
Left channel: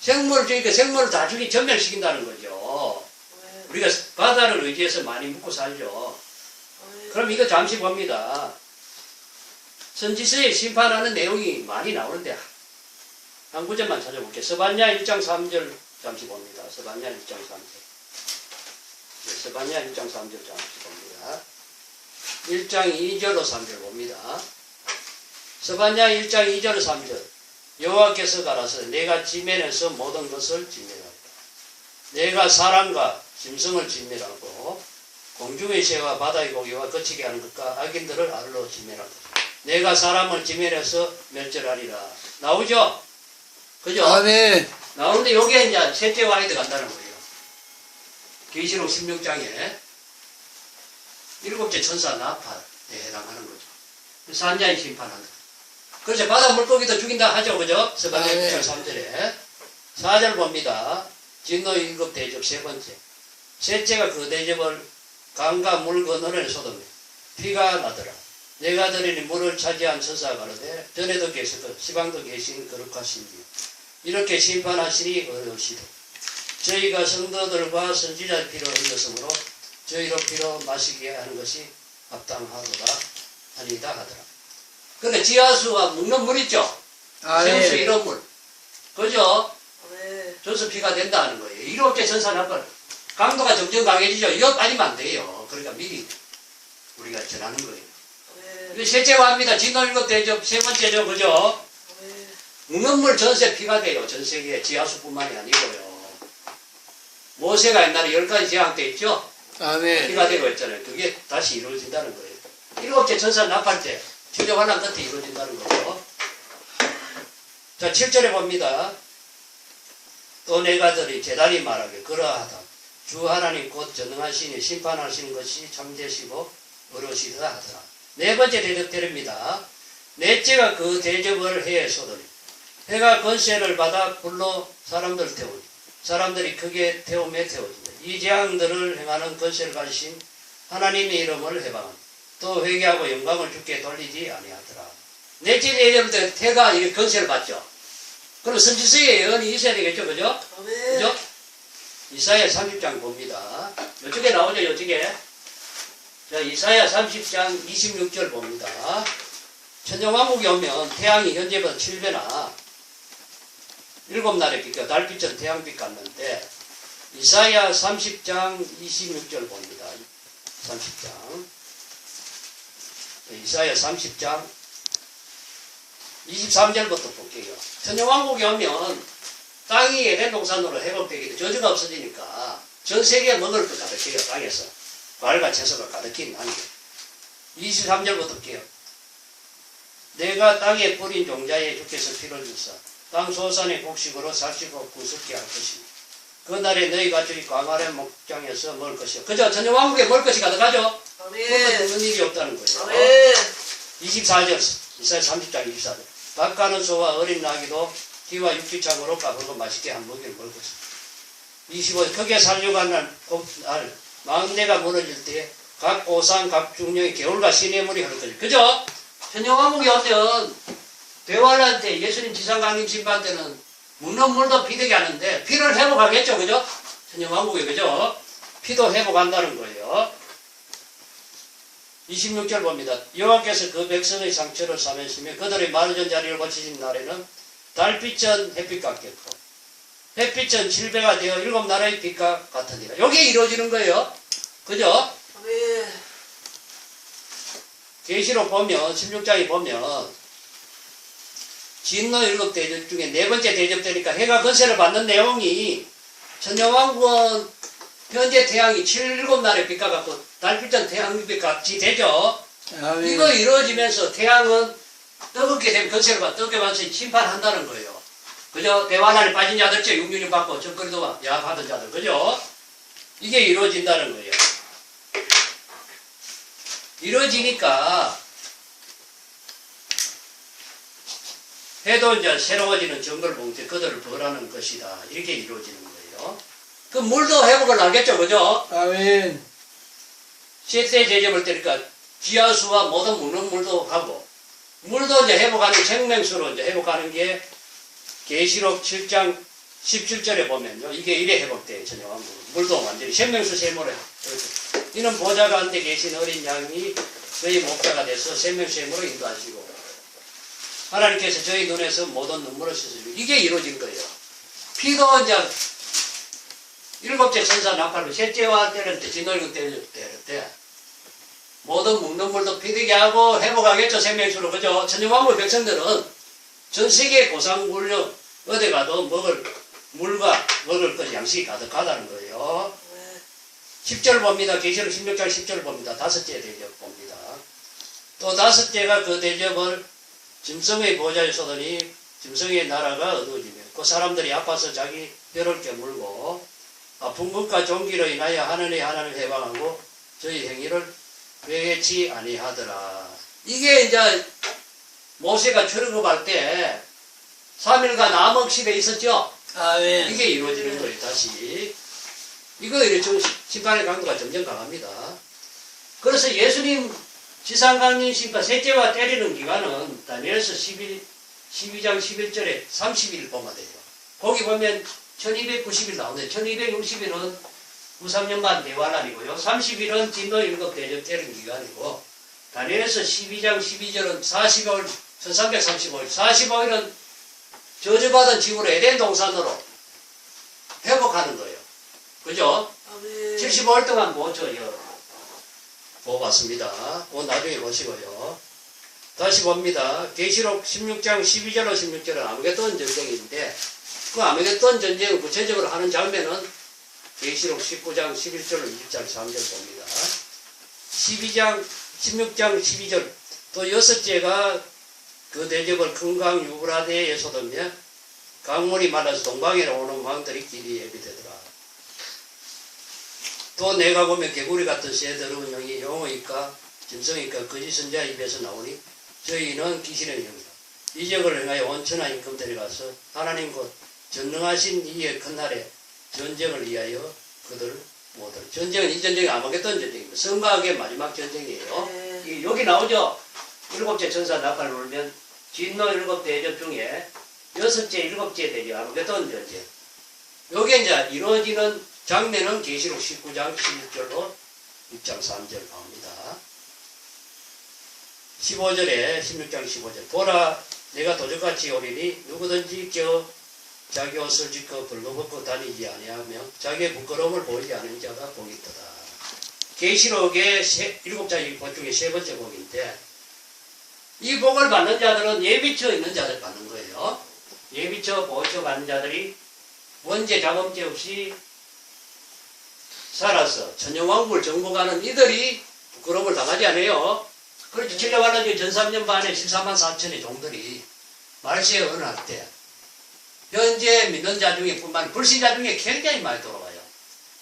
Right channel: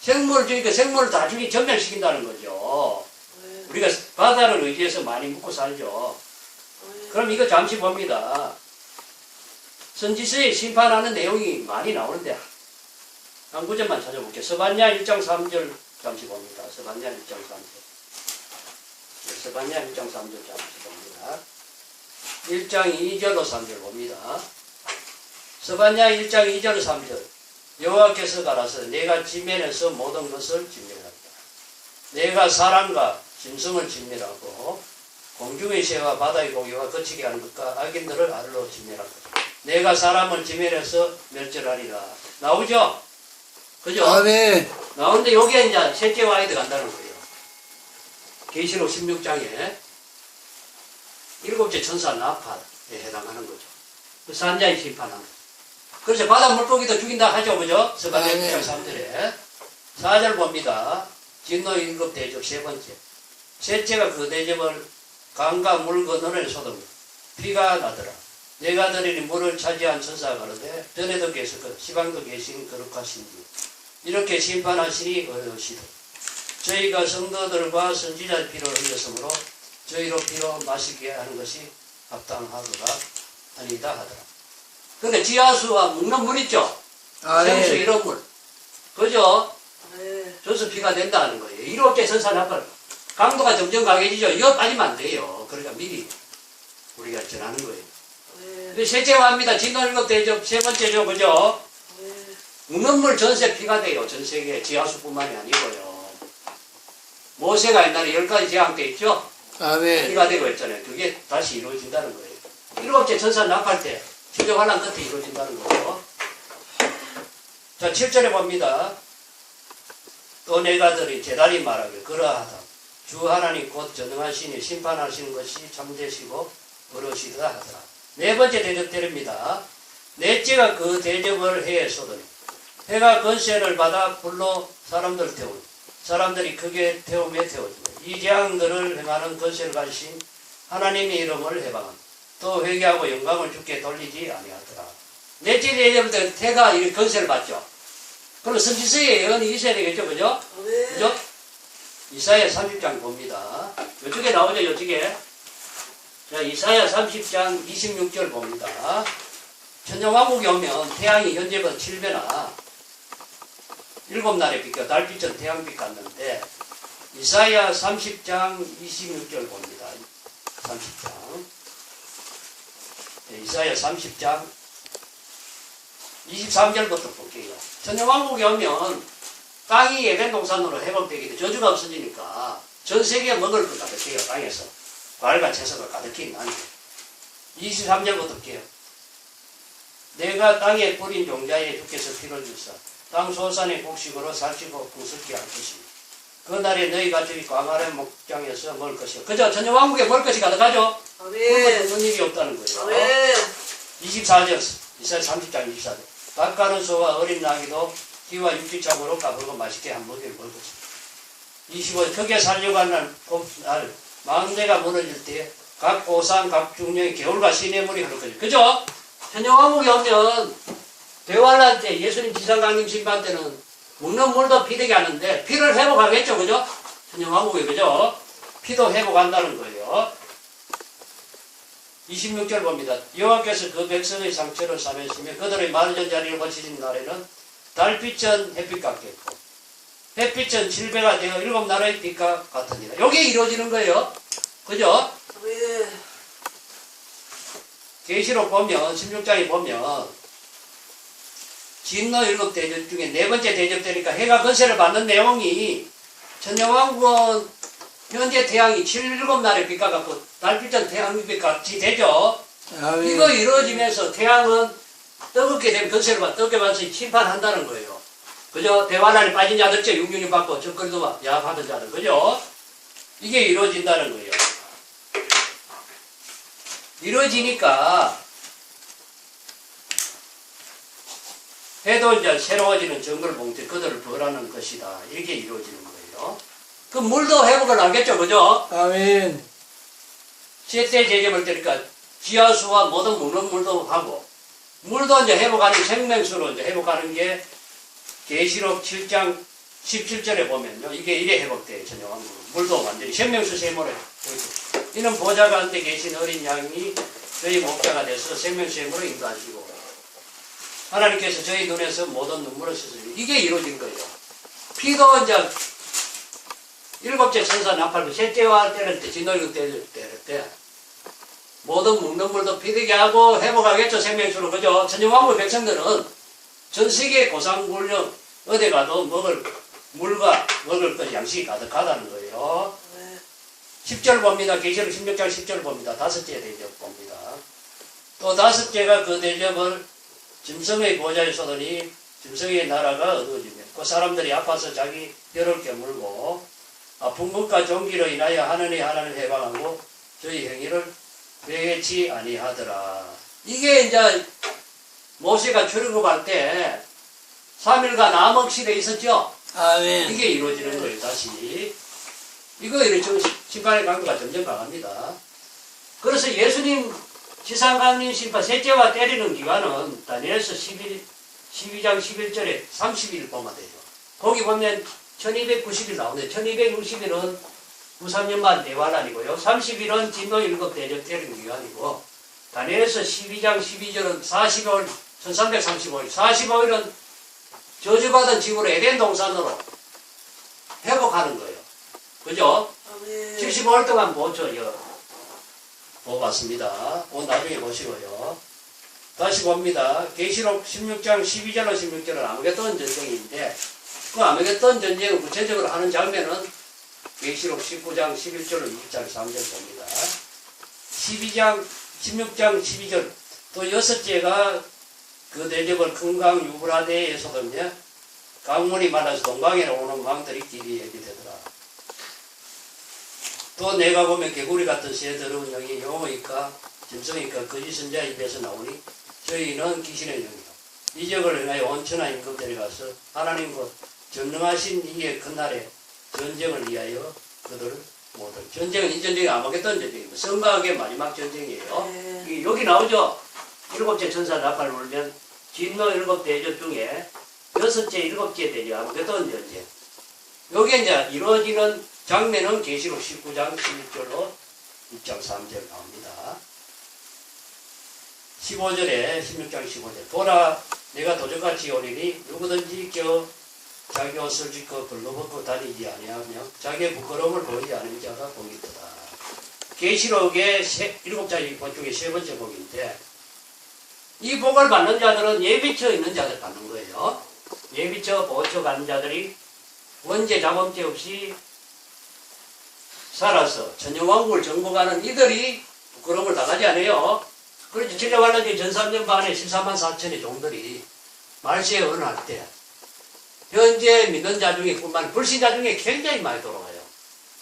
생물을 죽이니까 생물을 다 전멸시킨다는 거죠. 우리가 바다를 의지해서 많이 묵고 살죠. 그럼 이거 잠시 봅니다. 선지서에 심판하는 내용이 많이 나오는데 한 구절만 찾아볼게요. 스바냐 1장 3절 잠시 봅니다. 스바냐 1장 3절. 네, 스바냐 1장 3절 잠시 봅니다. 1장 2절로 3절 봅니다. 스바냐 1장 2절 3절 여호와께서 가라서 내가 지면에서 모든 것을 진멸하였다. 내가 사람과 짐승을 진멸하고 공중의 새와 바다의 고기와 거치게 하는 것과 악인들을 알로 진멸하고 내가 사람을 진멸해서 멸절하리라. 나오죠? 그죠? 아멘. 나오는데 여기에 이제 셋째 왕이 들어간다는 거예요. 계시록 16장에 7째 천사 나팔에 해당하는 거죠. 산자의 심판하는. 그래서 바다 물고기도 죽인다 하죠. 그죠? 스바냐 1장 3절에 4절 봅니다. 진노 7 대접 세 번째. 셋째가 그 대접을 강과 물 건너에 쏟으며 피가 나더라. 내가 들으니 물을 차지한 천사가 가로되 전에도 계셨고 시방도 계신 거룩하신지 이렇게 심판하시니 어려우시되 저희가 성도들과 선지자의 피를 흘렸으므로 저희로 피로 마시게 하는 것이 합당하도다 아니다 하더라. 그러니까 지하수와 묵는 물 있죠? 생수 이런 물. 그죠? 줘서 피가 된다는 거예요. 7째 천사 나팔 강도가 점점 강해지죠. 이거 빠지면 안 돼요. 그러니까 미리 우리가 전하는 거예요. 셋째 와입니다. 진노 7 대접 세 번째죠. 그죠? 묵는 물 전세 피가 돼요. 전 세계 지하수뿐만이 아니고요. 모세가 옛날에 10가지 재앙 때 있죠? 아멘. 피가 되고 있잖아요. 그게 다시 이루어진다는 거예요. 7째 천사 나팔 때 최종 환란 끝에 이루어진다는 거죠. 자, 7절에 봅니다. 또 내가 들이 제단이 말하게 그러하다. 주 하나님 곧 전능하시니 심판하시는 것이 참되시고 어려우시다 하더라. 네 번째 대접 때립니다. 넷째가 그 대접을 해에 쏟으니 해가 건세를 받아 불로 사람들을 태우니 사람들이 크게 태우며 태워지며 이 재앙들을 행하는 건세를 가지신 하나님의 이름을 해방하니 또 회개하고 영광을 주께 돌리지 아니하더라. 넷째 대접 때 해가 이렇게 건세를 받죠. 그럼 선지서의 예언이 있어야 되겠죠. 그죠? 그죠? 이사야 30장 봅니다. 이쪽에 나오죠. 이쪽에. 자, 이사야 30장 26절 봅니다. 천정왕국이 오면 태양이 현재보다 7배나 7날의 빛과 달빛은 태양빛 같는데 이사야 30장 26절 봅니다. 30장. 이사야 30장 23절부터 볼게요. 천정왕국이 오면 땅이 예된 동산으로 해본 빼기도 저주가 없어지니까 전 세계에 먹을 것 가득해요. 땅에서. 과일과 채소가 가득히 나는 게. 23절부터 볼게요. 내가 땅에 뿌린 종자에 주께서 피를 주사 땅 소산의 곡식으로 살찌고 풍습게 할 것이니 그날에 너희 가족이 광활한 목장에서 먹을 것이요. 그죠? 전쟁왕국에 먹을 것이 가득하죠? 그러면 무슨 일이 없다는 거예요. 24절, 이사야 30장 24절. 닭가는 소와 어린 나귀도 피와 육지참으로 까불고 맛있게 한 먹이를 먹을 것이다. 25절. 크게 살려고 하는 날 망대가 무너질 때 각 오상 각 중령의 겨울과 시냇물이 흐를 것이다. 그죠? 전쟁왕국에 오면 대환란 때 예수님 지상강림 심판 때는 묻는 물도 피되게 하는데 피를 회복하겠죠. 그죠? 전쟁왕국에 그죠? 피도 회복한다는 거예요. 26절 봅니다. 여호와께서 그 백성의 상처를 사면시며 그들의 말전 자리를 고치신 날에는 달빛은 햇빛 같겠고 햇빛은 질배가 되어 일곱 나라의 빛과 같으니라. 이게 이루어지는 거예요. 그죠? 계시록 보면 16장에 보면 진노 일곱 대접 중에 네 번째 대접 되니까 해가 건세를 받는 내용이 전쟁왕국은 현재 태양이 7날의 빛과 같고 달빛은 태양빛 같이 되죠. 아멘. 이거 이루어지면서 태양은 뜨겁게 되면 건세를 받아 뜨겁게 받아서 심판한다는 거예요. 그죠? 대환란에 빠진 자들, 육륜이 받고 적거리도 야합하던 자들, 그죠? 이게 이루어진다는 거예요. 이루어지니까 해도 이제 새로워지는 정글 봉투 그들을 벌하는 것이다. 이렇게 이루어지는 거예요. 그 물도 회복을 하겠죠, 그죠? 아멘. 셋째 제접을 때니까 지하수와 모든 묻는 물도 하고 물도 이제 회복하는 생명수로 이제 회복하는 게 계시록 7장 17절에 보면요. 이게 이래 회복돼요, 전쟁왕국은. 물도 완전히 생명수 세모래. 이는 보좌 가운데 계신 어린 양이 저희 목자가 돼서 생명수 세모로 인도하시고 하나님께서 저희 눈에서 모든 눈물을 씻으시고 이게 이루어진 거예요. 피도 이제 일곱째 천사 나팔로 셋째와 때릴 때 진노일국 때릴 때 모든 묻는 물도 피되게 하고 회복하겠죠. 생명수로. 그죠? 전쟁왕국 백성들은 전 세계 고상군령 어디 가도 먹을 물과 먹을 것 양식이 가득하다는 거예요. 10절 봅니다. 계시록 16장 10절 봅니다. 다섯째 대접 봅니다. 또 다섯째가 그 대접을 짐승의 보좌에 쏟으니 짐승의 나라가 어두워지며 그 사람들이 아파서 자기 뼈를 깨물고 아픈 것과 종기로 인하여 하느니 하나님 해방하고 저희 행위를 회개치 아니하더라. 이게 이제 모세가 출애굽할 때 3일간 암흑실에 있었죠. 아멘. 이게 이루어지는 거예요. 다시 이거 이렇게 심판의 강도가 점점 강합니다. 그래서 예수님 지상강림 심판 셋째와 때리는 기간은 다니엘서 12장 11절에 30일 보면 돼요. 거기 보면 1290일 나오는데 1260일은 93년만 대환란이고요. 30일은 진노 일곱 대접 때리는 기간이고 다니엘서 12장 12절은 40일 1335일 45일은 저주받은 지구로 에덴 동산으로 회복하는 거예요. 그죠? 75일 동안 보았습니다. 나중에 보시고요. 다시 봅니다. 계시록 16장 12절로 16절은 아무개돈 전쟁인데 그 아무개돈 전쟁을 구체적으로 하는 장면은 계시록 19장 11절로 20장 3절 봅니다. 16장 12절 또 여섯째가 그 대접을 큰 강 유브라데에 쏟으며 강물이 말라서 동방에로 오는 왕들이 길이 예비되더라. 또 내가 보면 개구리 같은 새 더러운 영이 영어이까 짐승이까 거짓 선자 입에서 나오니 저희는 귀신의 영이다. 이 적을 행하여 온천하 임금 데려가서 하나님 곧 전능하신 이의 큰 날에 전쟁을 위하여 그들 모두 전쟁은 이 전쟁이 아마겟돈 전쟁입니다. 성가학의 마지막 전쟁이에요. 여기 나오죠. 일곱째 천사 나팔을 울면 진노 일곱 대접 중에 여섯째 일곱째 대접 아마겟돈 전쟁. 여기에 이제 이루어지는 장면은 계시록 19장 16절로 6장 3절 나옵니다. 15절에 16장 15절 보라 내가 도적같이 오리니 누구든지 자기 옷을 짓고 벌거벗고 다니지 아니하며 자기의 부끄러움을 보이지 않은 자가 복이 있도다. 계시록의 7자의 복 중에 세 번째 복인데 이 복을 받는 자들은 예비처 있는 자들 받는 거예요. 예비처 보호처 받는 자들이 원죄 자범죄 없이 살아서 천정왕국을 정복하는 이들이 부끄러움을 당하지 않아요. 그렇지. 칠레왈란제 전 3년 반에 14만 4천의 종들이 말세에 언할 때 현재 믿는 자 중에 뿐만 아니라 불신자 중에 굉장히 많이 돌아가요.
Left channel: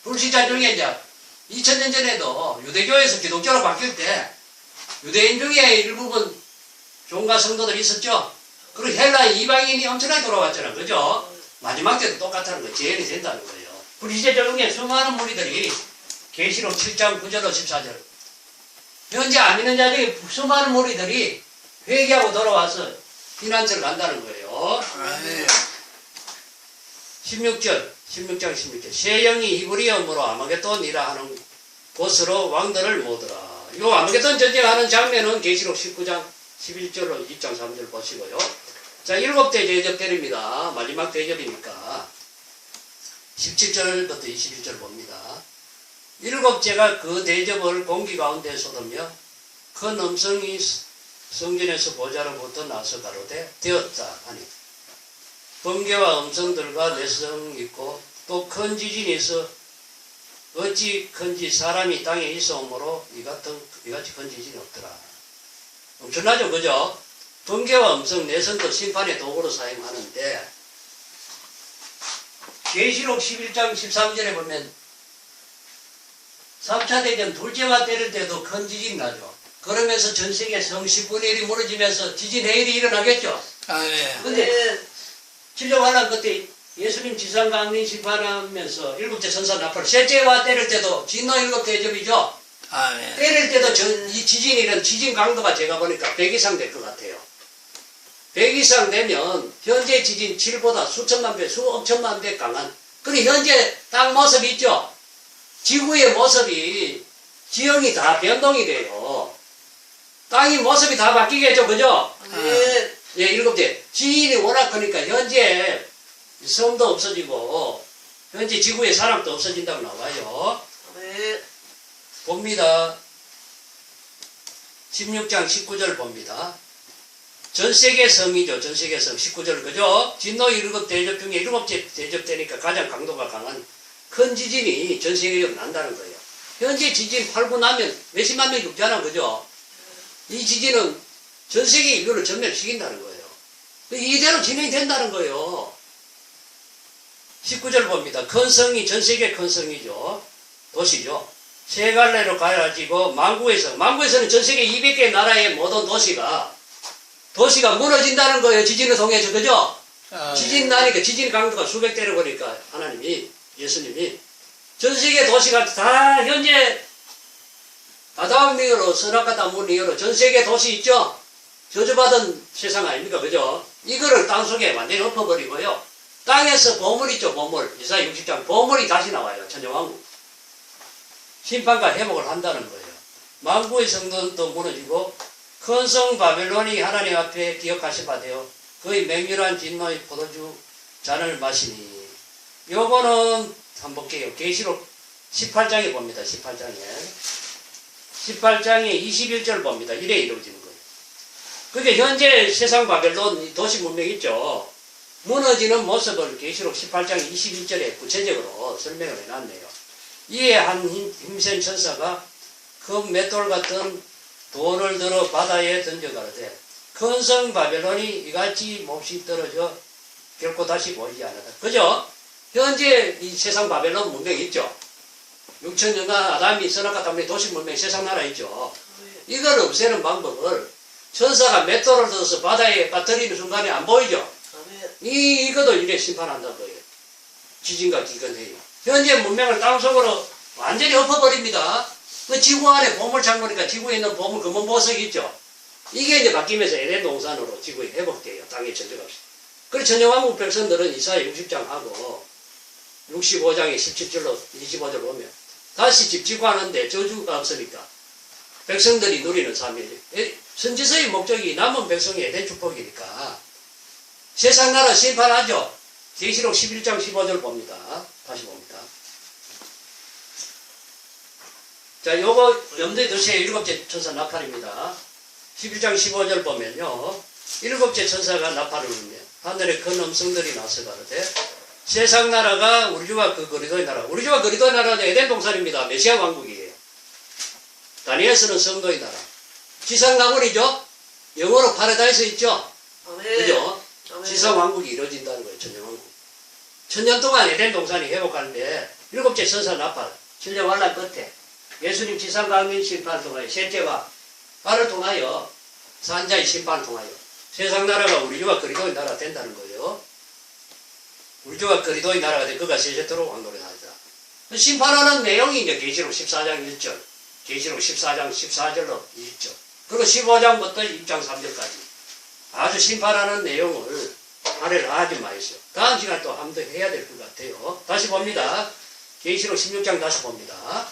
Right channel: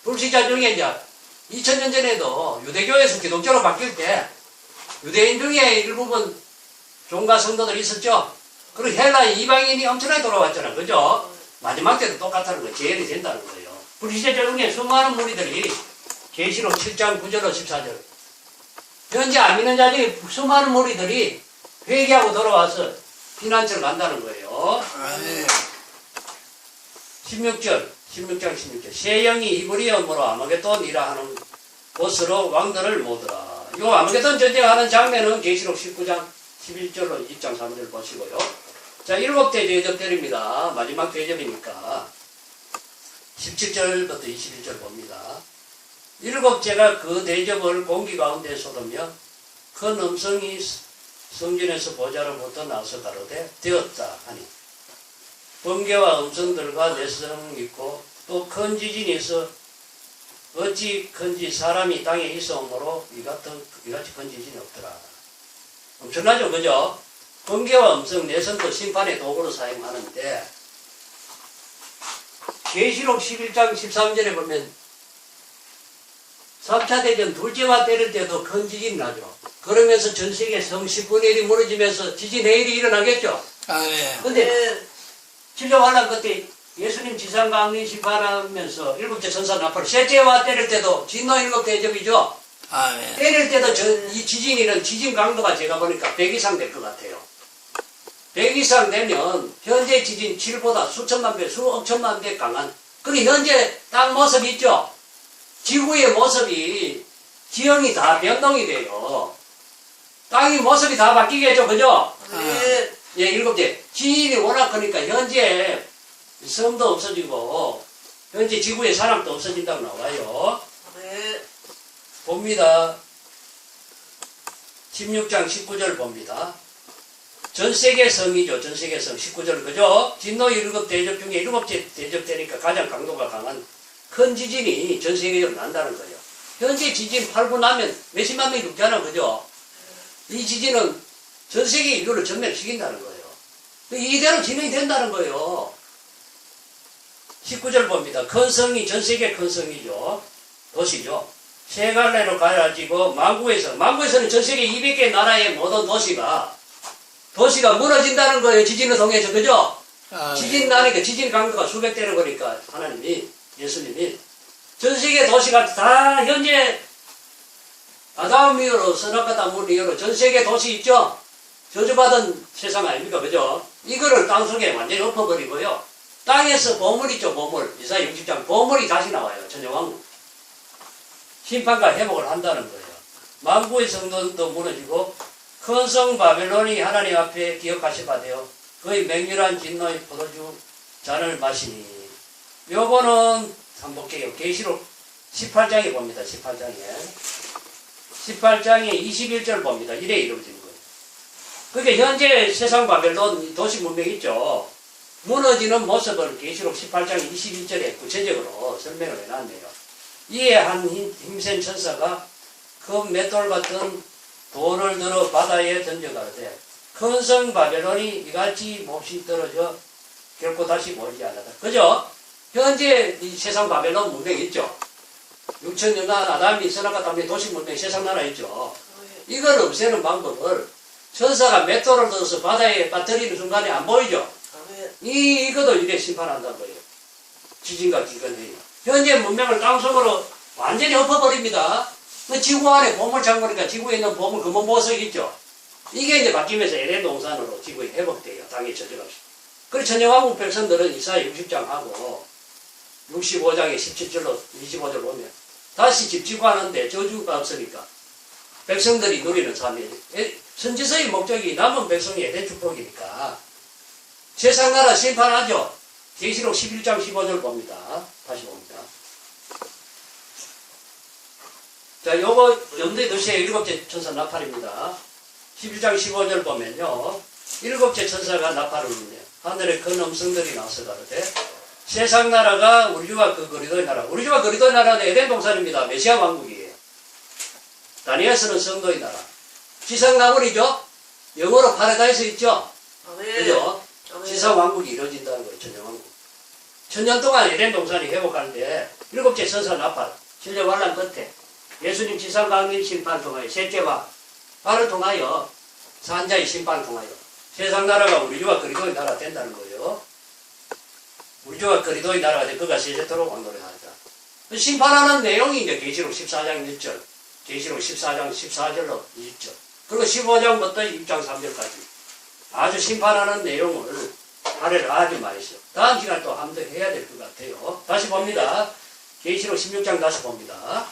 불신자 중에 이제 2000년 전에도 유대교에서 기독교로 바뀔 때 유대인 중에 일부분 종과 성도들이 있었죠. 그리고 헬라 이방인이 엄청나게 돌아왔잖아. 그죠? 마지막 때도 똑같다는 거예요. 재현이 된다는 거예요. 불신자 중에 수많은 무리들이 계시록 7장 9절로 14절 현재 안 믿는 자 중에 수많은 무리들이 회개하고 돌아와서 피난처를 간다는 거예요. 아멘. 16장 16절 새 영이 이브리엄으로 아마겟돈이라 하는 곳으로 왕들을 모으더라. 요 아마겟돈 전쟁하는 장면은 계시록 19장 11절로 20장 3절 보시고요. 자, 7대 대접 때립니다. 마지막 대접이니까 17절부터 21절 봅니다. 7제가 그 대접을 공기 가운데 쏟으며 큰 음성이 성전에서 보좌로부터 나서 가로되 되었다 하니 번개와 음성들과 내성 있고 또 큰 지진이 있어 어찌 큰지 사람이 땅에 있어오므로 이같이 큰 지진이 없더라. 엄청나죠, 그죠? 번개와 음성, 내성도 심판의 도구로 사용하는데 계시록 11장 13절에 보면 3차 대전 둘째와 때릴 때도 큰 지진이 나죠. 그러면서 전 세계 성 10분의 1이 무너지면서 지진 해일이 일어나겠죠. 아멘. 근데 칠레왈란 그때 예수님 지상강림 심판하면서 7째 천사 나팔 셋째와 때릴 때도 진노 7 대접이죠. 아멘. 때릴 때도 이 지진이는 지진 강도가 제가 보니까 100 이상 될 것 같아요. 100 이상 되면 현재 지진 7보다 수천만 배, 수억천만 배 강한 근데 현재 땅 모습이 있죠. 지구의 모습이 지형이 다 변동이 돼요. 땅이 모습이 다 바뀌겠죠. 그죠? 네. 예, 7째. 지인이 워낙 크니까 현재 섬도 없어지고 현재 지구에 사람도 없어진다고 나와요. 네. 봅니다. 16장 19절 봅니다. 전 세계 성이죠. 전 세계 성 19절 그죠? 진노 7 대접 중에 7째 대접 되니까 가장 강도가 강한 큰 지진이 전 세계적으로 난다는 거예요. 현재 지진 8구 나면 몇십만 명이 죽잖아. 그죠? 이 지진은 전 세계 인류를 전멸시킨다는 거예요. 이대로 진행된다는 거예요. 19절 봅니다. 큰 성이 전 세계 큰 성이죠. 도시죠. 세 갈래로 가야지고 망구에서는 전 세계 200개 나라의 모든 도시가 무너진다는 거예요. 지진을 통해서. 그죠? 지진 나니까 지진 강도가 수백 대를 보니까 하나님이 예수님이 전 세계 도시가 다 현재 아담 이후로 선악과다 문 이후로 전 세계 도시 있죠? 저주받은 세상 아닙니까? 그죠? 이거를 땅속에 완전히 엎어버리고요. 땅에서 보물 있죠, 보물. 이사야 60장. 보물이 다시 나와요, 천정왕국. 심판과 회복을 한다는 거예요. 만구의 성전도 무너지고, 큰 성 바벨론이 하나님 앞에 기억하시 바되어 그의 맹렬한 진노의 포도주 잔을 마시니. 요거는 한번 볼게요. 계시록 18장에 봅니다, 18장에. 18장에 21절 봅니다. 이래 이루어지는 거예요. 그게 현재 세상 바벨론 도시 문명 있죠. 무너지는 모습을 계시록 18장 21절에 구체적으로 설명을 해놨네요. 이에 한 힘센 천사가 그 맷돌 같은 돌을 들어 바다에 던져가되 큰 성 바벨론이 이같이 몹시 떨어져 결코 다시 보이지 않았다. 그죠? 현재 이 세상 바벨론 문명 있죠. 6천년간 아담이 선악과 다문의 도시 문명 세상 나라 있죠. 이걸 없애는 방법을 천사가 맷돌을 들어서 바다에 빠뜨리는 순간에 안 보이죠. 이것도 이래 심판한다는 거예요. 지진과 기근회의. 현재 문명을 땅속으로 완전히 엎어버립니다. 그 지구 안에 보물 창고니까 지구에 있는 보물 금은 보석 있죠. 이게 이제 바뀌면서 에덴 동산으로 지구에 회복돼요. 땅에 저절없이. 그래서 천정왕국 백성들은 이사야 60장하고 65장에 17절로 25절 보면 다시 집 지고 하는데 저주가 없으니까 백성들이 누리는 삶이에요. 선지서의 목적이 남은 백성이 에덴 축복이니까 세상 나라 심판하죠. 계시록 11장 15절 봅니다. 다시 봅니다. 자, 요거 염두에 두세요. 7째 천사 나팔입니다. 11장 15절 보면요. 7째 천사가 나팔을 울며 하늘에 큰 음성들이 나서 가로되 세상 나라가 우리 주와 그 그리스도의 나라. 우리 주와 그리스도의 나라는 에덴 동산입니다. 메시아 왕국이에요. 다니엘서는 성도의 나라. 지상 나물이죠. 영어로 파라다이스 있죠. 그죠? 지상 왕국이 이루어진다는 거예요. 천년 왕국. 천년 동안 에덴 동산이 회복하는데 7째 선사 나팔, 진례 환란 끝에 예수님 지상 강림 심판을 통하여 셋째 화를 통하여 산자의 심판을 통하여 세상 나라가 우리 주와 그리스도의 나라 된다는 거예요. 우리 주와 그리스도의 나라가 돼 그가 세세토록 왕노를 하자. 심판하는 내용이 이제 계시록 14장 1절, 계시록 14장 14절로 20절, 그리고 15장부터 6장 3절까지 아주 심판하는 내용을 할애를 하지 마세요. 다음 시간에 또 한 번 더 해야 될 것 같아요. 다시 봅니다. 계시록 16장 다시 봅니다.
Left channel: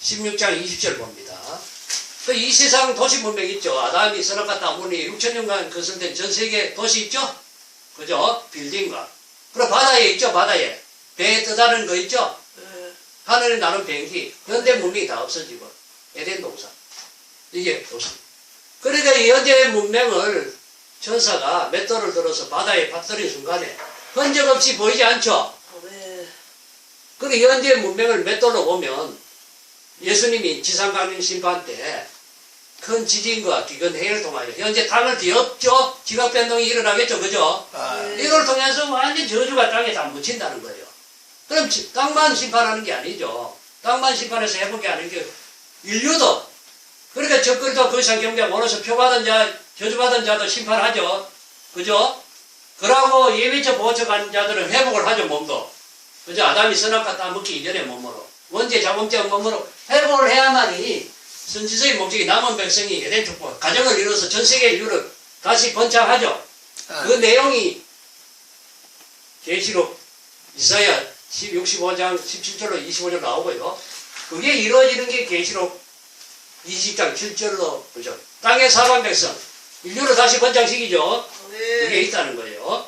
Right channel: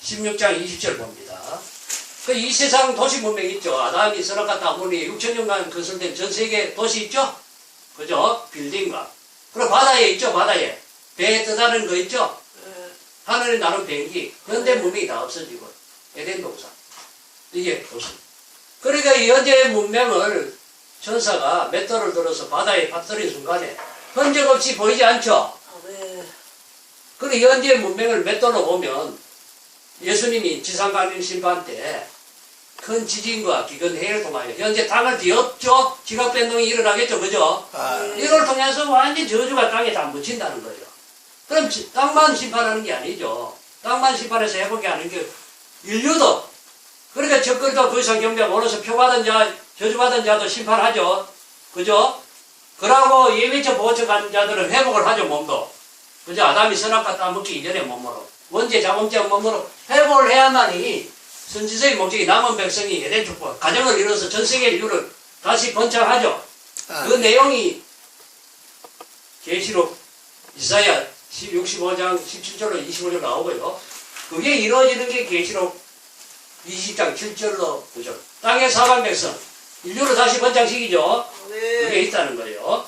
16장 20절 봅니다. 그 이 세상 도시 문명 있죠. 아담이 선악과 따문이 6천년간 건설된 전 세계 도시 있죠. 그죠? 빌딩과. 그리고 바다에 있죠. 바다에. 배에 떠다니는 거 있죠. 하늘에 나는 비행기. 현대 문명이 다 없어지고. 에덴 동산. 이게 도시. 그러니까 이 현재 문명을 천사가 맷돌을 들어서 바다에 빠뜨린 순간에 흔적 없이 보이지 않죠. 그리고 현재 문명을 맷돌로 보면 예수님이 지상강림 심판 때 큰 지진과 기근 해를 통하여 현재 땅을 뒤엎죠. 지각 변동이 일어나겠죠. 그죠? 이걸 통해서 완전 저주가 땅에 다 묻힌다는 거예요. 그럼 땅만 심판하는 게 아니죠. 땅만 심판해서 회복이 하는 게 인류도, 그러니까 적그리도 그 이상 경배하고 오늘서 표받은 자, 저주받은 자도 심판하죠. 그죠? 그러고 예비처 보호처 가는 자들은 회복을 하죠. 몸도. 그죠? 아담이 선악과 따먹기 이전의 몸으로, 원죄 자범죄 몸으로 회복을 해야만이 선지서의 목적이 남은 백성이 에덴 축복, 가정을 이루어서 전 세계 인류를 다시 번창하죠. 그 내용이 계시록 이사야 65장 17절로 25절 나오고요. 그게 이루어지는 게 계시록 20장 7절로, 그죠? 땅의 사방 백성, 인류를 다시 번창시키죠. 그게 있다는 거예요.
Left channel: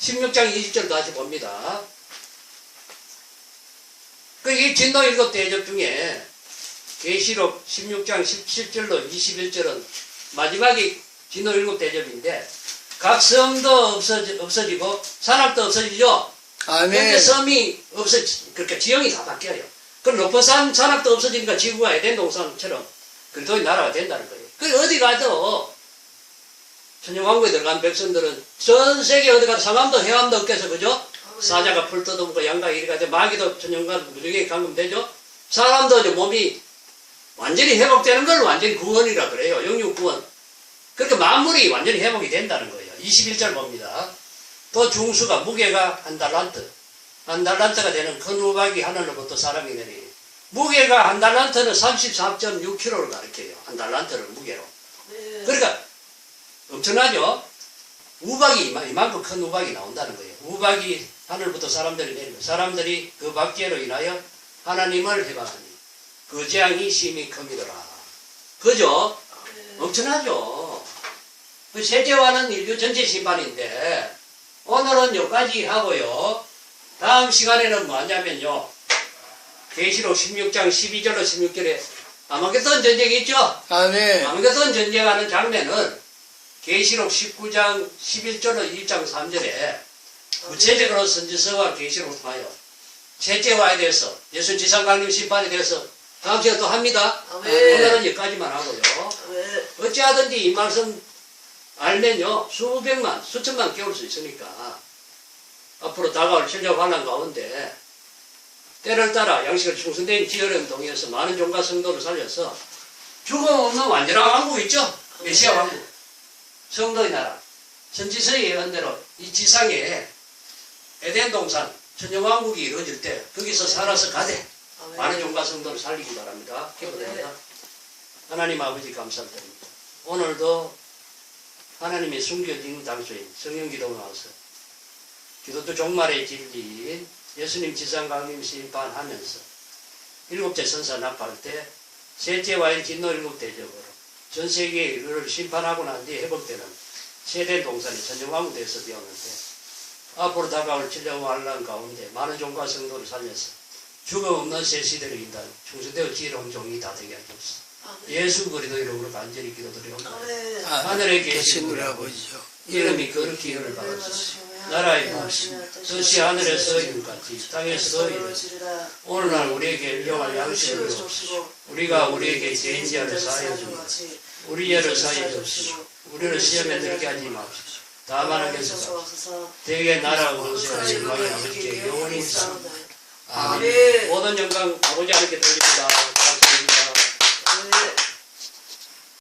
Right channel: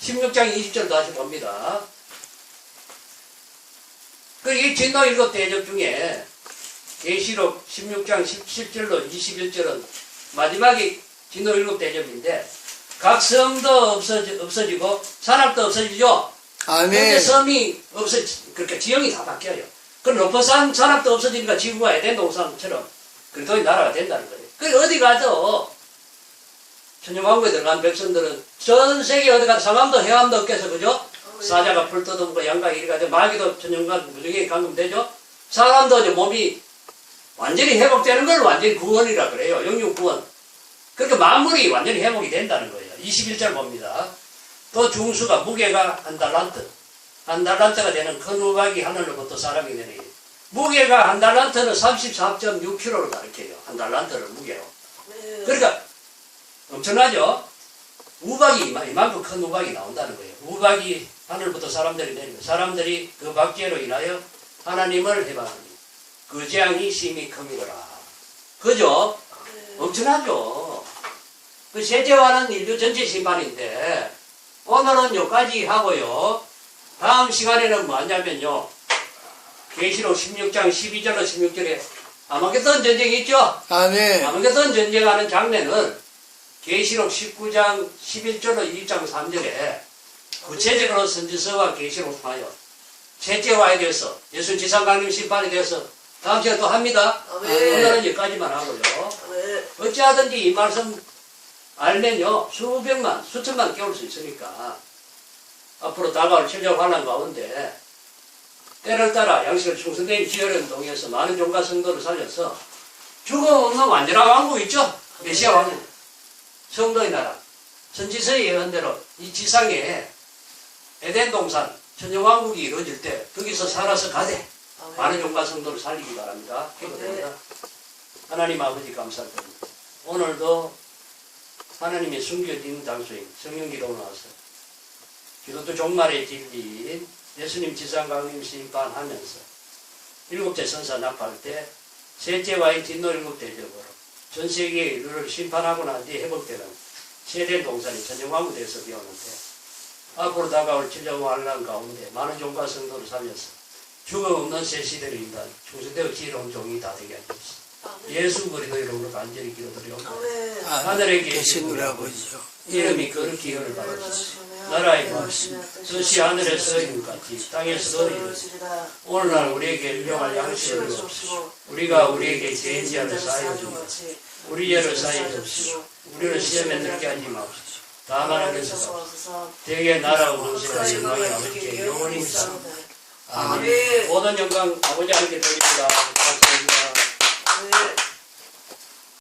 16장 20절 다시 봅니다. 이 진노 일곱 대접 중에 계시록 16장 17절로 21절은 마지막이 진노 일곱 대접인데, 각 섬도 없어지고 산악도 없어지죠. 그런데 섬이 그러니까 지형이 다 바뀌어요. 그 높은 산악도 없어지니까 지구가 에덴 동산처럼 그리스도의 나라가 된다는 거예요. 그 어디 가도 천년왕국에 들어간 백성들은 전 세계 어디 가도 상암도 해암도 없겠어. 그죠? 사자가 풀 뜯어먹고 양가 이리 가도 마귀도 천년간 무적에 감금되죠. 사람도 이제 몸이 완전히 회복되는 걸 완전히 구원이라 그래요. 영육 구원. 그러니까 만물이 완전히 회복이 된다는 거예요. 21절 봅니다. 또 중수가 무게가 한 달란트가 되는 큰 우박이 하늘로부터 사람이 내리니, 무게가 한 달란트는 34.6kg를 가리켜요. 한 달란트를 무게로. 그러니까 엄청나죠? 우박이 이만큼 큰 우박이 나온다는 거예요. 우박이 하늘부터 사람들이 내리고, 사람들이 그 박죄로 인하여 하나님을 해방하니 그 재앙이 심히 큽니더라. 그죠? 엄청나죠? 그 세제와는 인류 전체 심판인데, 오늘은 여기까지 하고요. 다음 시간에는 뭐 하냐면요, 계시록 16장 12절로 16절에 아마겟돈 전쟁이 있죠? 아마겟돈 전쟁하는 장면은 계시록 19장 11절로 2장 3절에 구체적으로 선지서와 계시록을 통하여 셋째와에 대해서, 예수 지상강림 심판에 대해서 다음 시간에 또 합니다. 오늘은 여기까지만 하고요. 어찌하든지 이 말씀 알면요, 수백만, 수천만 깨울 수 있으니까 앞으로 다가올 천년 환란 가운데 때를 따라 양식을 충성되게 지으려는 동의해서 많은 종과 성도를 살려서 죽음 없는 완전한 왕국 있죠? 메시아 왕국, 성도의 나라, 선지서의 예언대로 이 지상에 에덴 동산 천년왕국이 이루어질 때 거기서 살아서 가되 많은 종과 성도를 살리기 바랍니다. 기도됩니다. 하나님 아버지 감사드립니다. 오늘도 하나님의 숨겨진 장소에 성령기도 나와서 기독교 종말의 진리인 예수님 지상강림 심판하면서 7째 선사 납할 때 셋째와의 진노 7대접으로 전 세계의 인류를 심판하고 난 뒤에 회복되는 세대 동산이 천년왕국 되어서 되었는데, 앞으로 다가올 천년 환란 가운데 많은 종과 성도를 살려서 죽음 없는 새 시대를 인도한 충성되어 지혜로운 종이 다 되게 하옵소서. 예수 그리스도 이름으로 간절히 기도드리옵나이다. 하늘에 계신 우리 아버지요, 이름이 거룩히 여길 바라옵소서. 나라의 말씀 뜻이 하늘에서 이같이 땅에서 이르시리라. 오늘날 우리에게 일용할 양식을 주옵시고 우리가 우리에게 죄인 지하를 사하여 준 같이 우리 죄를 사하여 주옵시고 우리를 시험에 들게 하지 마옵시고 다만 하께서 대개 나라 원수와 영광이 아버지께 영원히 있사옵나이다. 아멘. 모든 영광 아버지 하나님께 돌립니다.